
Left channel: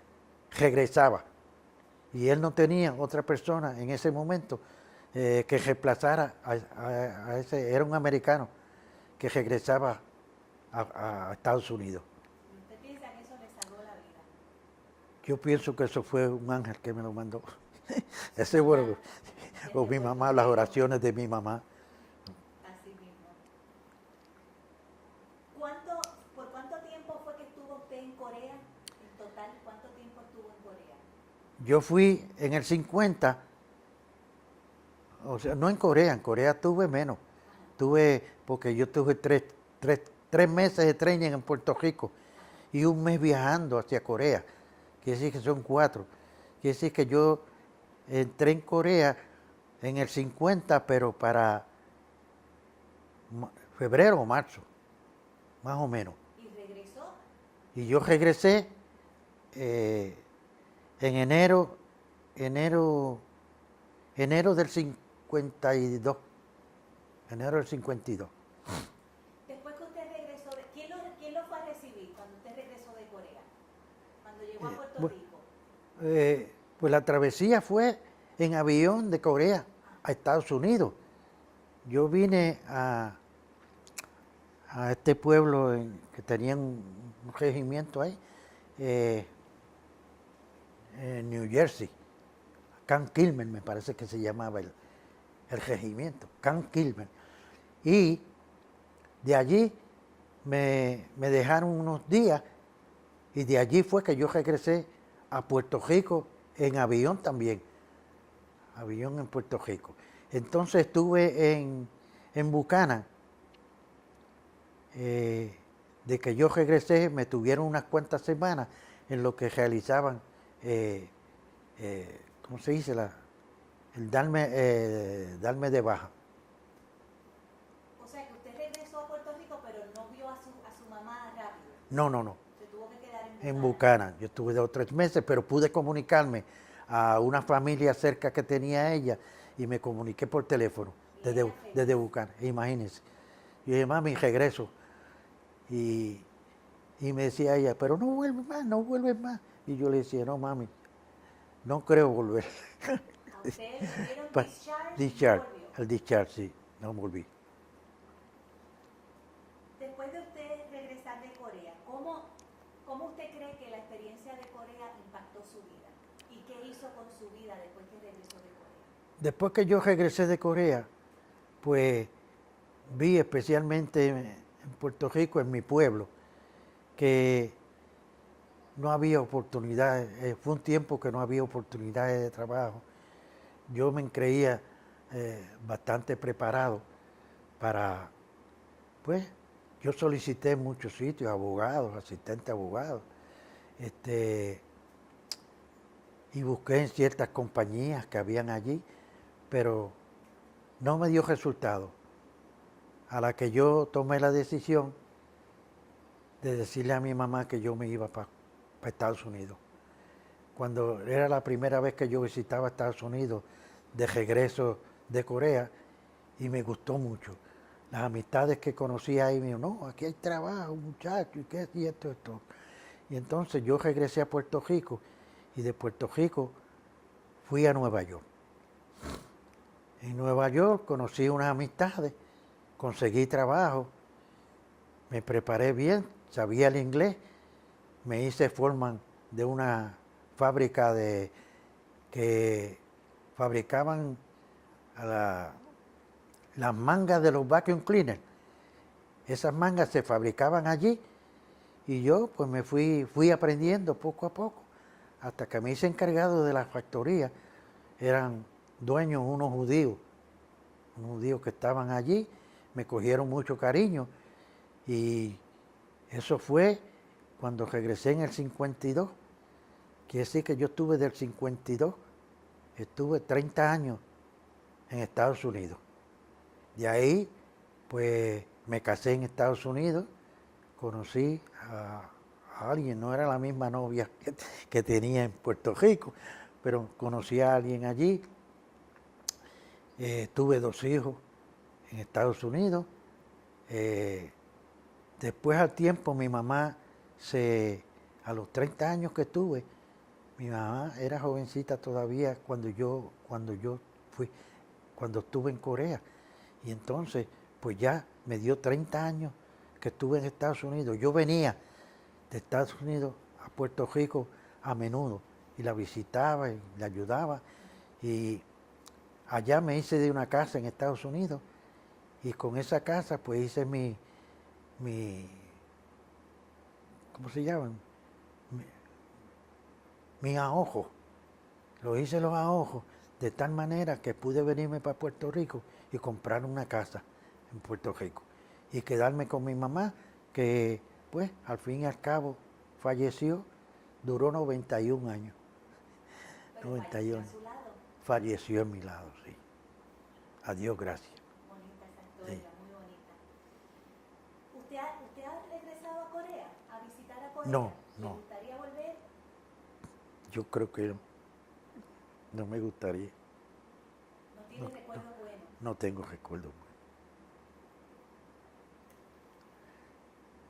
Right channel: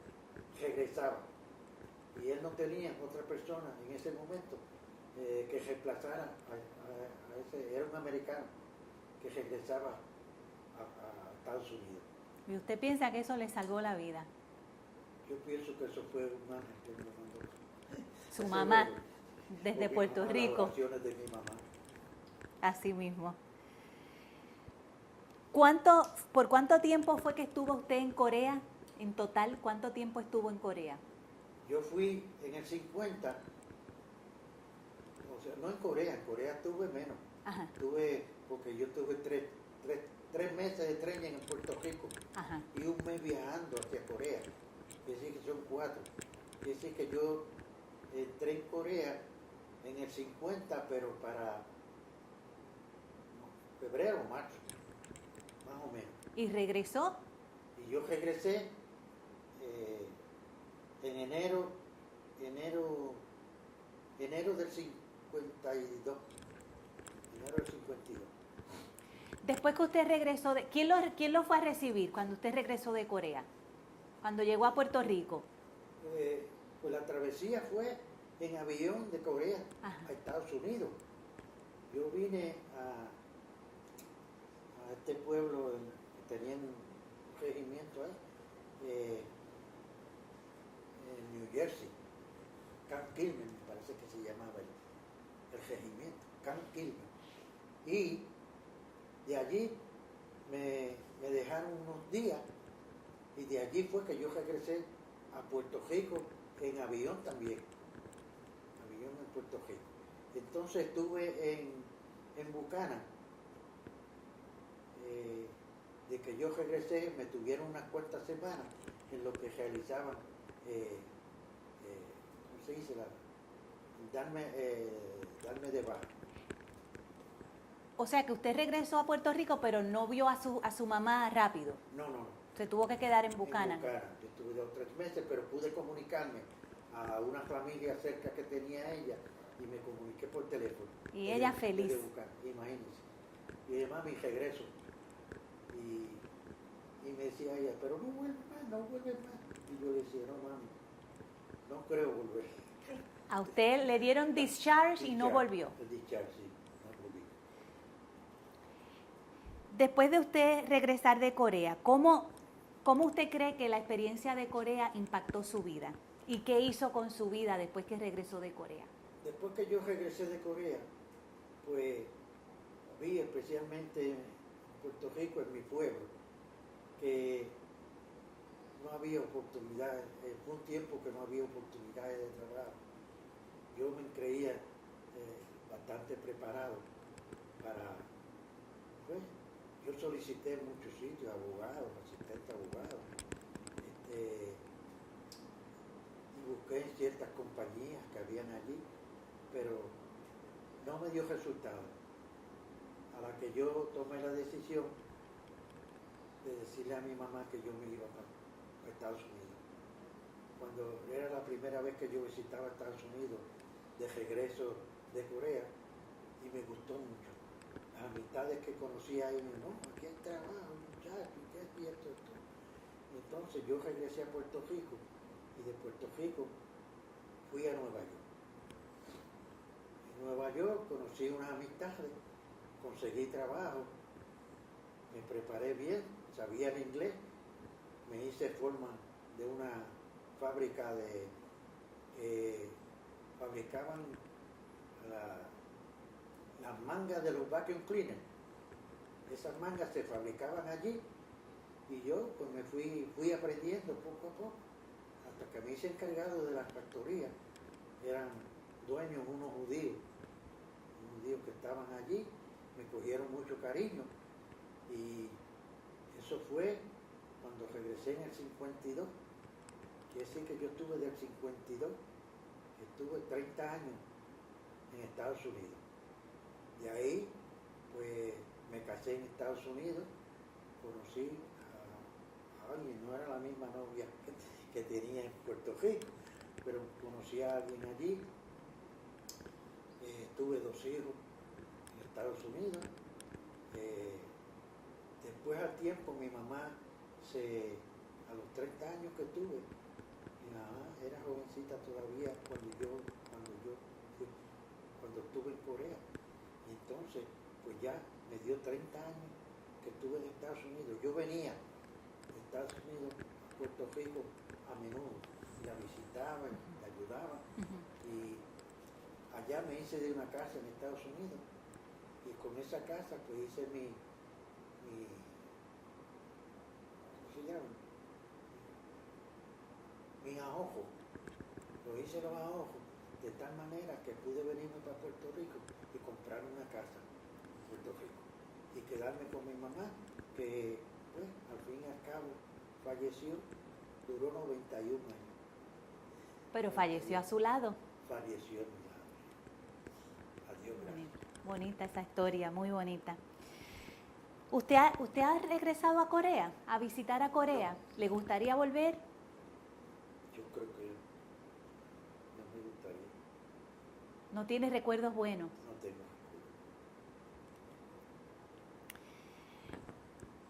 regresaba y él no tenía otra persona en ese momento que reemplazara a ese, era un americano que regresaba a Estados Unidos. ¿Y usted piensa que eso le salvó la vida? Yo pienso que eso fue un ángel que me lo mandó. Su mamá, Bueno, desde o mi Puerto mamá, las Rico. oraciones de mi mamá. Así mismo. ¿Por cuánto tiempo fue que estuvo usted en Corea? En total, ¿cuánto tiempo estuvo en Corea? Yo fui en el 50, o sea, no en Corea tuve menos. Ajá, Porque yo tuve tres meses de training en Puerto Rico ajá. y un mes viajando hacia Corea. Quiere decir que son 4. Quiere decir que yo entré en Corea en el 50, pero para febrero o marzo, más o menos. ¿Y regresó? Y yo regresé en enero del 52. Enero del 52. Después que usted regresó, ¿quién lo fue a recibir cuando usted regresó de Corea? Cuando llegó a Puerto Rico. Pues la travesía fue en avión de Corea a Estados Unidos. Yo vine a este pueblo que tenía un regimiento ahí, en New Jersey, Camp Kilmer me parece que se llamaba el regimiento, Camp Kilmer. Y de allí me dejaron unos días y de allí fue que yo regresé a Puerto Rico en avión también, avión en Puerto Rico. Entonces estuve en Buchanan. De que yo regresé, me tuvieron unas cuantas semanas en lo que realizaban, ¿cómo se dice? El darme de baja. O sea que usted regresó a Puerto Rico, pero no vio a su mamá rápido. No. Se tuvo que quedar en Buchanan. En Buchanan. Yo estuve 2 o 3 meses, pero pude comunicarme a una familia cerca que tenía ella y me comuniqué por teléfono. Y ella feliz. Desde Buchanan, imagínense. Yo dije, mami, regreso. Y me decía ella, pero no vuelves más. Y yo le decía, no, mami, no creo volver. A usted le dieron discharge y no volvió. El discharge, sí, no volví. Después de usted regresar de Corea, ¿cómo usted cree que la experiencia de Corea impactó su vida? ¿Y qué hizo con su vida después que regresó de Corea? Después que yo regresé de Corea, pues vi especialmente en Puerto Rico, en mi pueblo, que no había oportunidades, fue un tiempo que no había oportunidades de trabajo. Yo me creía bastante preparado para, pues, yo solicité en muchos sitios, abogados, asistente abogado, y busqué en ciertas compañías que habían allí, pero no me dio resultado. A la que yo tomé la decisión de decirle a mi mamá que yo me iba para Estados Unidos. Cuando era la primera vez que yo visitaba Estados Unidos de regreso de Corea, y me gustó mucho. Las amistades que conocí ahí me dijeron, no, aquí hay trabajo, muchachos, y qué, y esto. Y entonces yo regresé a Puerto Rico, y de Puerto Rico fui a Nueva York. En Nueva York conocí unas amistades, conseguí trabajo, me preparé bien, sabía el inglés, me hice foreman de una fábrica que fabricaban las mangas de los vacuum cleaners. Esas mangas se fabricaban allí y yo pues me fui aprendiendo poco a poco hasta que me hice encargado de la factoría. Eran dueños unos judíos que estaban allí, me cogieron mucho cariño y eso fue cuando regresé en el 52. Quiere decir que yo estuve del 52, estuve 30 años en Estados Unidos. De ahí, pues me casé en Estados Unidos, conocí a alguien, no era la misma novia que tenía en Puerto Rico, pero conocí a alguien allí. Tuve 2 hijos en Estados Unidos. Después al tiempo mi mamá, a los 30 años que tuve, mi mamá era jovencita todavía cuando estuve en Corea. Y entonces, pues ya me dio 30 años que estuve en Estados Unidos. Yo venía de Estados Unidos a Puerto Rico a menudo y la visitaba y la ayudaba. Y allá me hice de una casa en Estados Unidos y con esa casa pues hice mi ¿cómo se llaman? Mis ahorros. Lo hice los ahorros de tal manera que pude venirme para Puerto Rico y comprar una casa en Puerto Rico y quedarme con mi mamá, que pues al fin y al cabo falleció, duró 91 años. Pero 91. falleció a su lado. Falleció a mi lado, sí. Adiós, gracias. Bonita esa historia, muy bonita. ¿Usted ha regresado a Corea, a visitar a Corea? No, ¿Le no. gustaría volver? Yo creo que no me gustaría. ¿No tiene recuerdos buenos? No tengo recuerdo.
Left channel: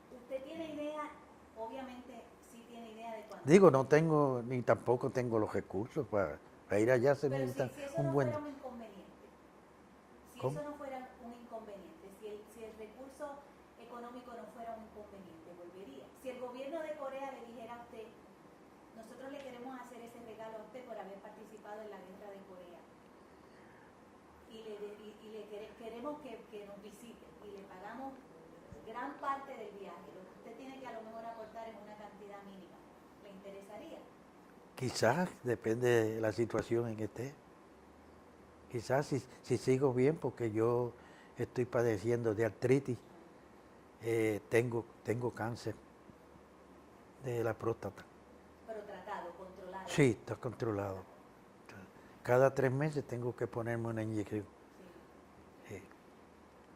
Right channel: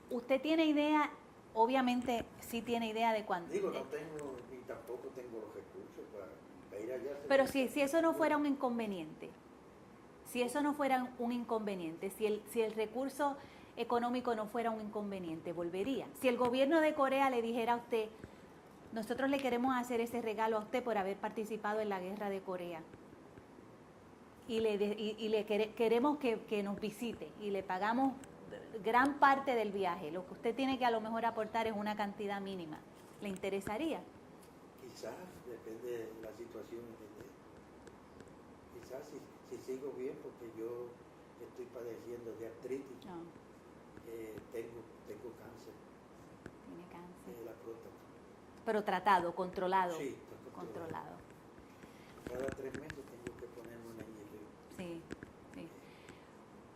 ¿Usted tiene idea? Obviamente sí tiene idea de cuándo. Digo, no tengo, ni tampoco tengo los recursos para ir allá. Pero si eso no fuera un buen... inconveniente, si ¿Cómo? eso no fuera un inconveniente, si el recurso económico no fuera un inconveniente, volvería. Si el gobierno de Corea le dijera a usted, nosotros le queremos hacer ese regalo a usted por haber participado en la guerra de Corea, queremos que nos visite y le pagamos gran parte del viaje, lo que usted tiene que a lo mejor aportar es una cantidad mínima, ¿le interesaría? Quizás, depende de la situación en que esté. Quizás si sigo bien, porque yo estoy padeciendo de artritis, tengo cáncer de la próstata. Pero tratado, controlado. Sí, está controlado. Cada 3 meses tengo que ponerme una inyección. Sí.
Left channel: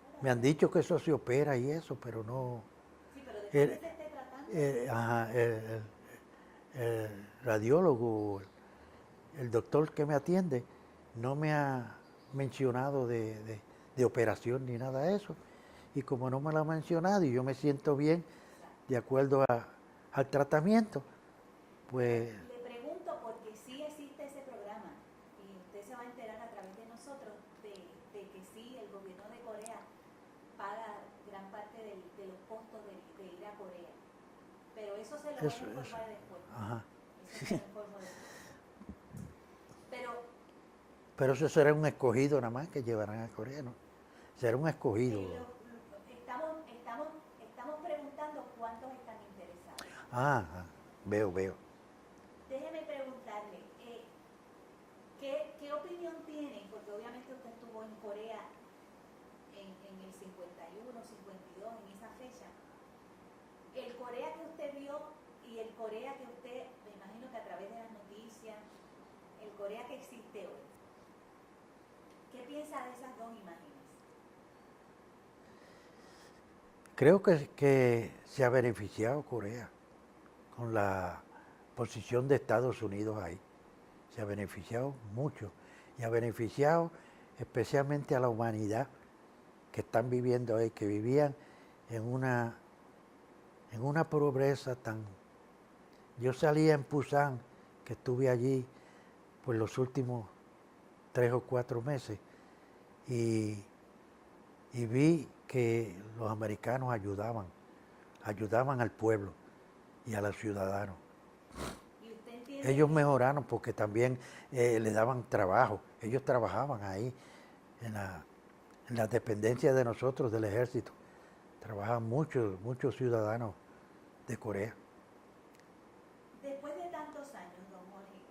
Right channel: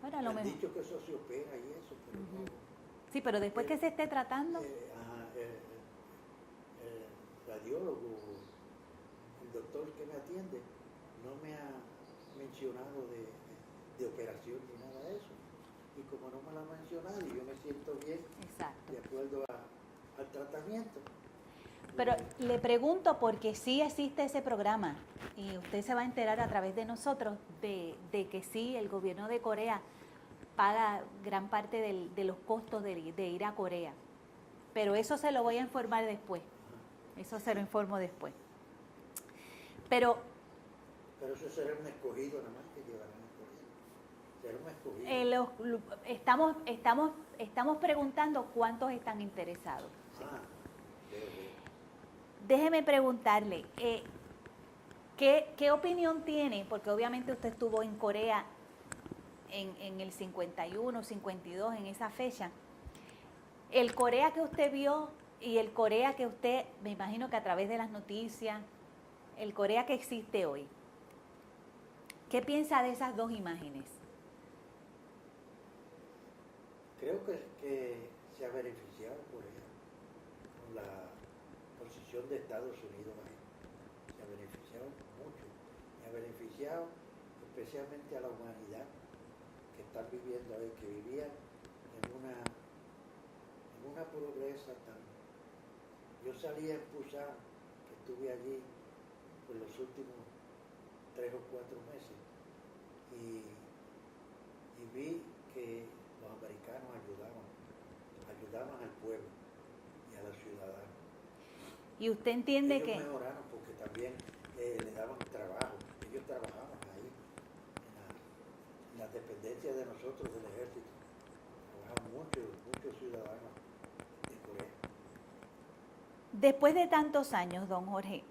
Bueno, me han dicho que eso se opera y eso, pero no... Sí, pero después que se esté tratando... el radiólogo, el doctor que me atiende, no me ha mencionado de operación ni nada de eso. Y como no me lo ha mencionado y yo me siento bien, exacto, de acuerdo al tratamiento. Pues, pero le pregunto porque sí existe ese programa y usted se va a enterar a través de nosotros de que sí, el gobierno de Corea paga gran parte de los costos de ir a Corea. Pero eso se lo voy a informar después. Ajá. Eso se lo informo después. Pero eso será un escogido nada más que llevarán a Corea, ¿no? Será un escogido. Estamos preguntando cuántos están interesados. Ajá. veo. Déjeme preguntarle, ¿qué opinión tiene? Porque obviamente usted estuvo en Corea en el 51, 52, en esa fecha. El Corea que usted vio y el Corea que usted, me imagino que a través de las noticias, el Corea que existe hoy, ¿qué piensa de esas dos imágenes? Creo que se ha beneficiado Corea con la posición de Estados Unidos ahí. Se ha beneficiado mucho y ha beneficiado especialmente a la humanidad que están viviendo ahí, que vivían en una pobreza tan... Yo salí en Pusan, que estuve allí por los últimos 3 o 4 meses, y vi que los americanos ayudaban al pueblo y a los ciudadanos. Y usted entiende Ellos que... mejoraron porque también le daban trabajo. Ellos trabajaban ahí en la dependencia de nosotros, del ejército. Trabajan muchos ciudadanos de Corea. Después de tantos años, don Jorge,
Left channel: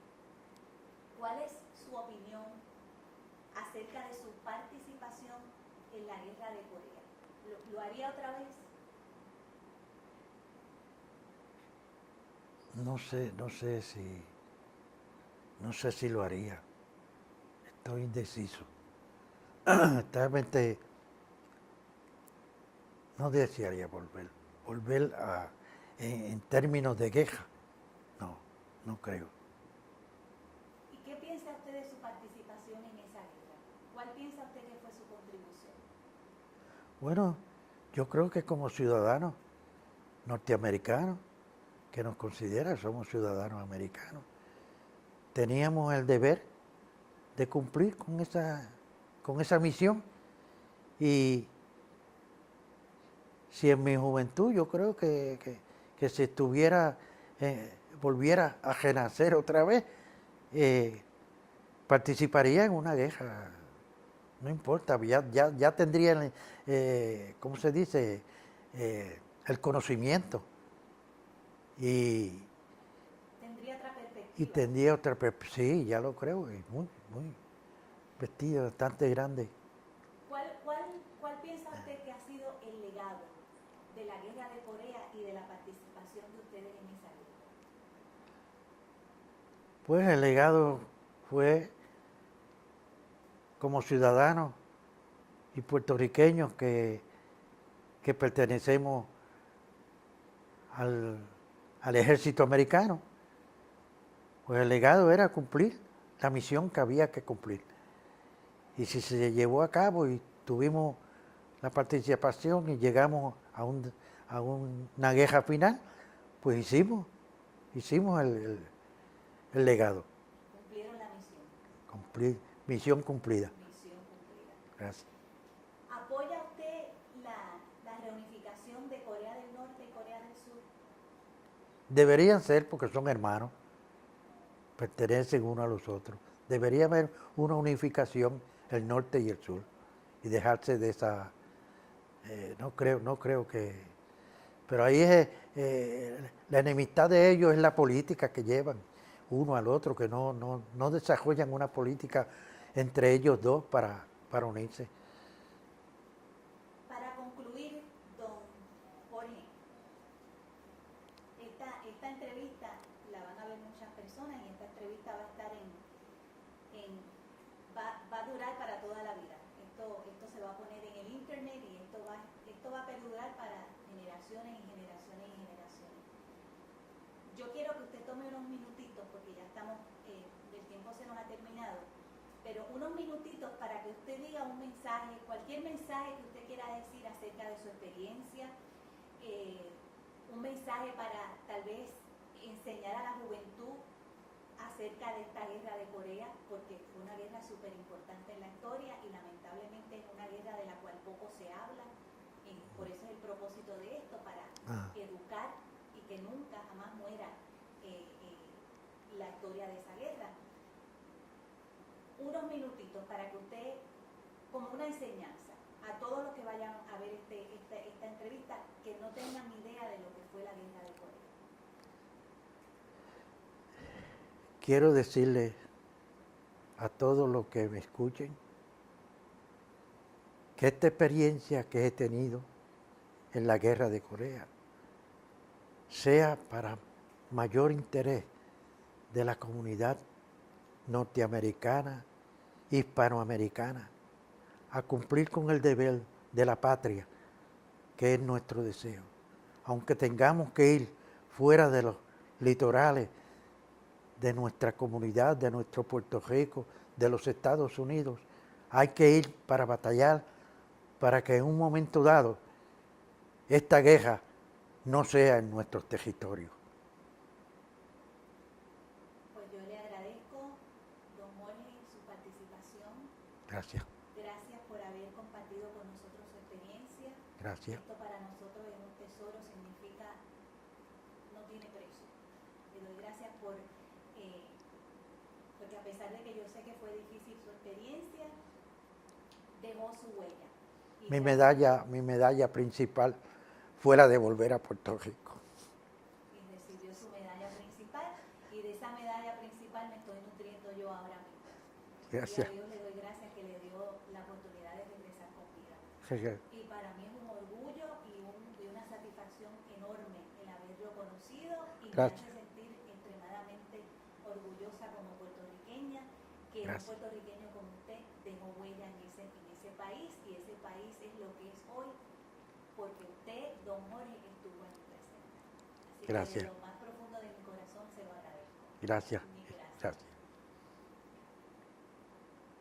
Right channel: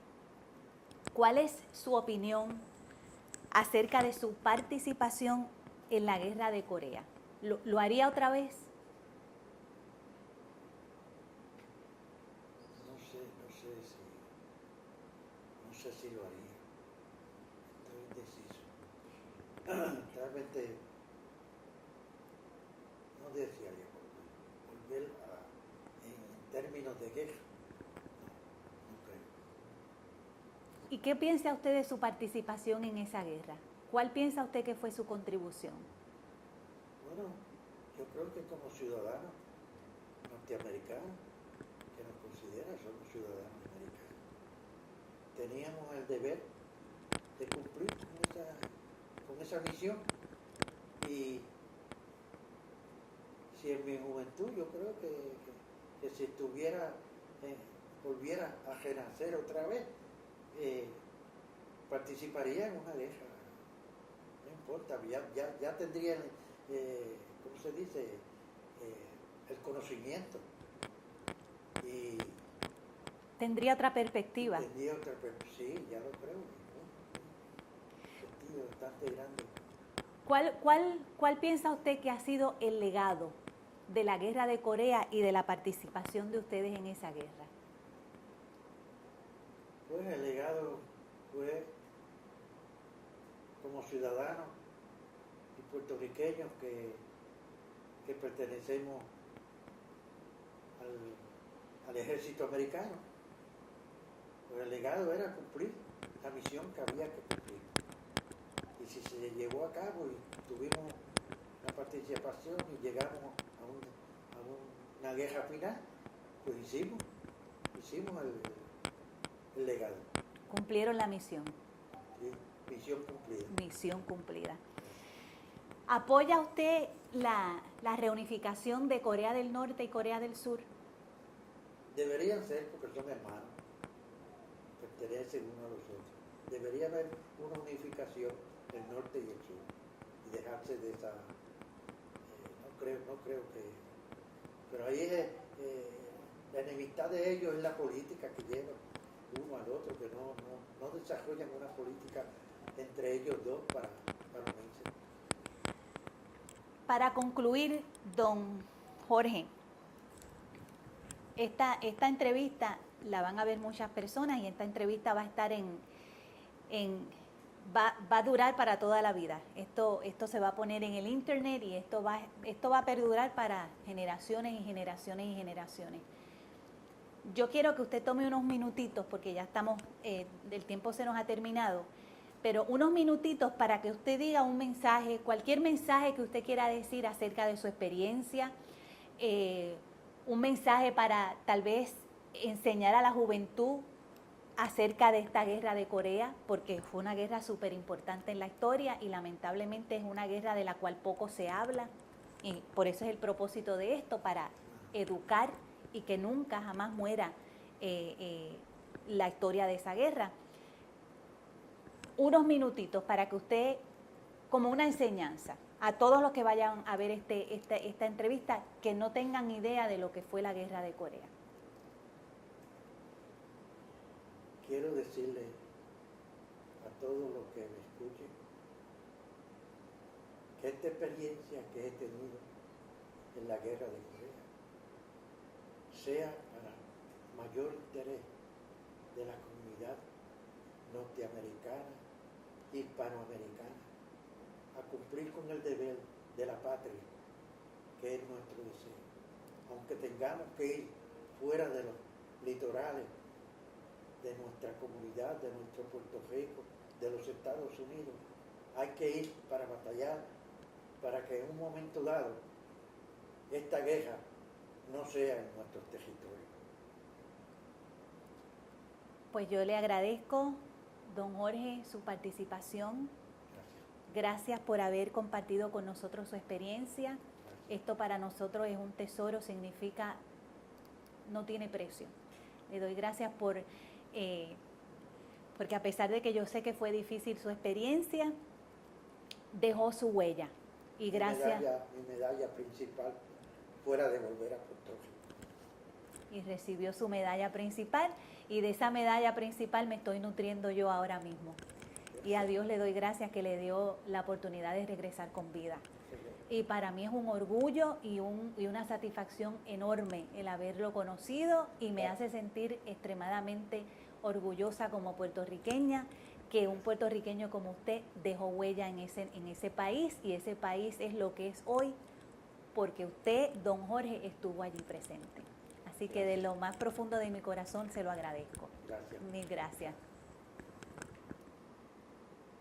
¿cuál es su opinión acerca de su participación en la guerra de Corea? ¿Lo haría otra vez? No sé si lo haría. Estoy indeciso. Realmente no desearía volver en términos de guerra. No creo. ¿Y qué piensa usted de su participación en esa guerra? ¿Cuál piensa usted que fue su contribución? Bueno, yo creo que como ciudadanos norteamericanos, que nos considera, somos ciudadanos americanos, teníamos el deber de cumplir con esa misión. Y si en mi juventud yo creo que si estuviera, volviera a renacer otra vez, participaría en una guerra. No importa, ya tendría, ¿cómo se dice? El conocimiento. Y ¿Tendría otra perspectiva? tendría otra perspectiva, sí, ya lo creo, y muy vestido, bastante grande. ¿Cuál piensa usted que ha sido el legado de la guerra de Corea y de la participación de ustedes en esa guerra? Pues el legado fue como ciudadanos y puertorriqueños que pertenecemos al ejército americano, pues el legado era cumplir la misión que había que cumplir. Y si se llevó a cabo y tuvimos la participación y llegamos a una guerra final, pues hicimos el legado. Cumplieron la misión. Misión cumplida. Misión cumplida. Gracias. ¿Apoya usted la reunificación de Corea del Norte y Corea del Sur? Deberían ser porque son hermanos, pertenecen uno a los otros. Debería haber una unificación, el norte y el sur, y dejarse de esa... no creo que... Pero ahí es la enemistad de ellos es la política que llevan uno al otro, que no desarrollan una política entre ellos dos para unirse. Para concluir, don Jorge, esta entrevista la van a ver muchas personas y esta entrevista va a estar va a durar para toda la vida. Esto se va a poner en el internet y esto va a perdurar para generaciones y generaciones y generaciones. Yo quiero que usted tome unos minutitos, porque ya estamos, el tiempo se nos ha terminado, pero unos minutitos para que usted diga un mensaje, cualquier mensaje que usted quiera decir acerca de su experiencia, un mensaje para tal vez enseñar a la juventud acerca de esta guerra de Corea, porque fue una guerra súper importante en la historia y lamentablemente es una guerra de la cual poco se habla, y por eso es el propósito de esto, para educar y que nunca jamás muera la historia de esa guerra. Unos minutitos para que usted, como una enseñanza, a todos los que vayan a ver esta entrevista, que no tengan idea de lo que fue la guerra de Corea. quiero decirle a todos los que me escuchen que esta experiencia que he tenido en la guerra de Corea sea para mayor interés de la comunidad norteamericana, hispanoamericana, a cumplir con el deber de la patria, que es nuestro deseo. Aunque tengamos que ir fuera de los litorales de nuestra comunidad, de nuestro Puerto Rico, de los Estados Unidos, hay que ir para batallar, para que en un momento dado esta guerra no sea en nuestros territorios. Pues yo le agradezco, don Jorge, su participación. Gracias. Gracias por haber compartido con nosotros su experiencia. Gracias. Esto para nosotros es un tesoro, significa, no tiene precio. Le doy gracias porque a pesar de que yo sé que fue difícil su experiencia, dejó su huella. Y mi medalla principal fue la de volver a Puerto Rico. Y recibió su medalla principal, y de esa medalla principal me estoy nutriendo yo ahora mismo. Gracias. Y a Dios le doy gracias que le dio la oportunidad de regresar con vida. Y para mí es un orgullo y una satisfacción enorme el haberlo conocido, y me hace sentir extremadamente orgullosa como puertorriqueña, que un puertorriqueño como usted dejó huella en ese país, y ese país es lo que es hoy porque usted, don Jorge, estuvo allí presente. Así que de lo más profundo de mi corazón se lo agradezco. Gracias. Mil gracias. Gracias.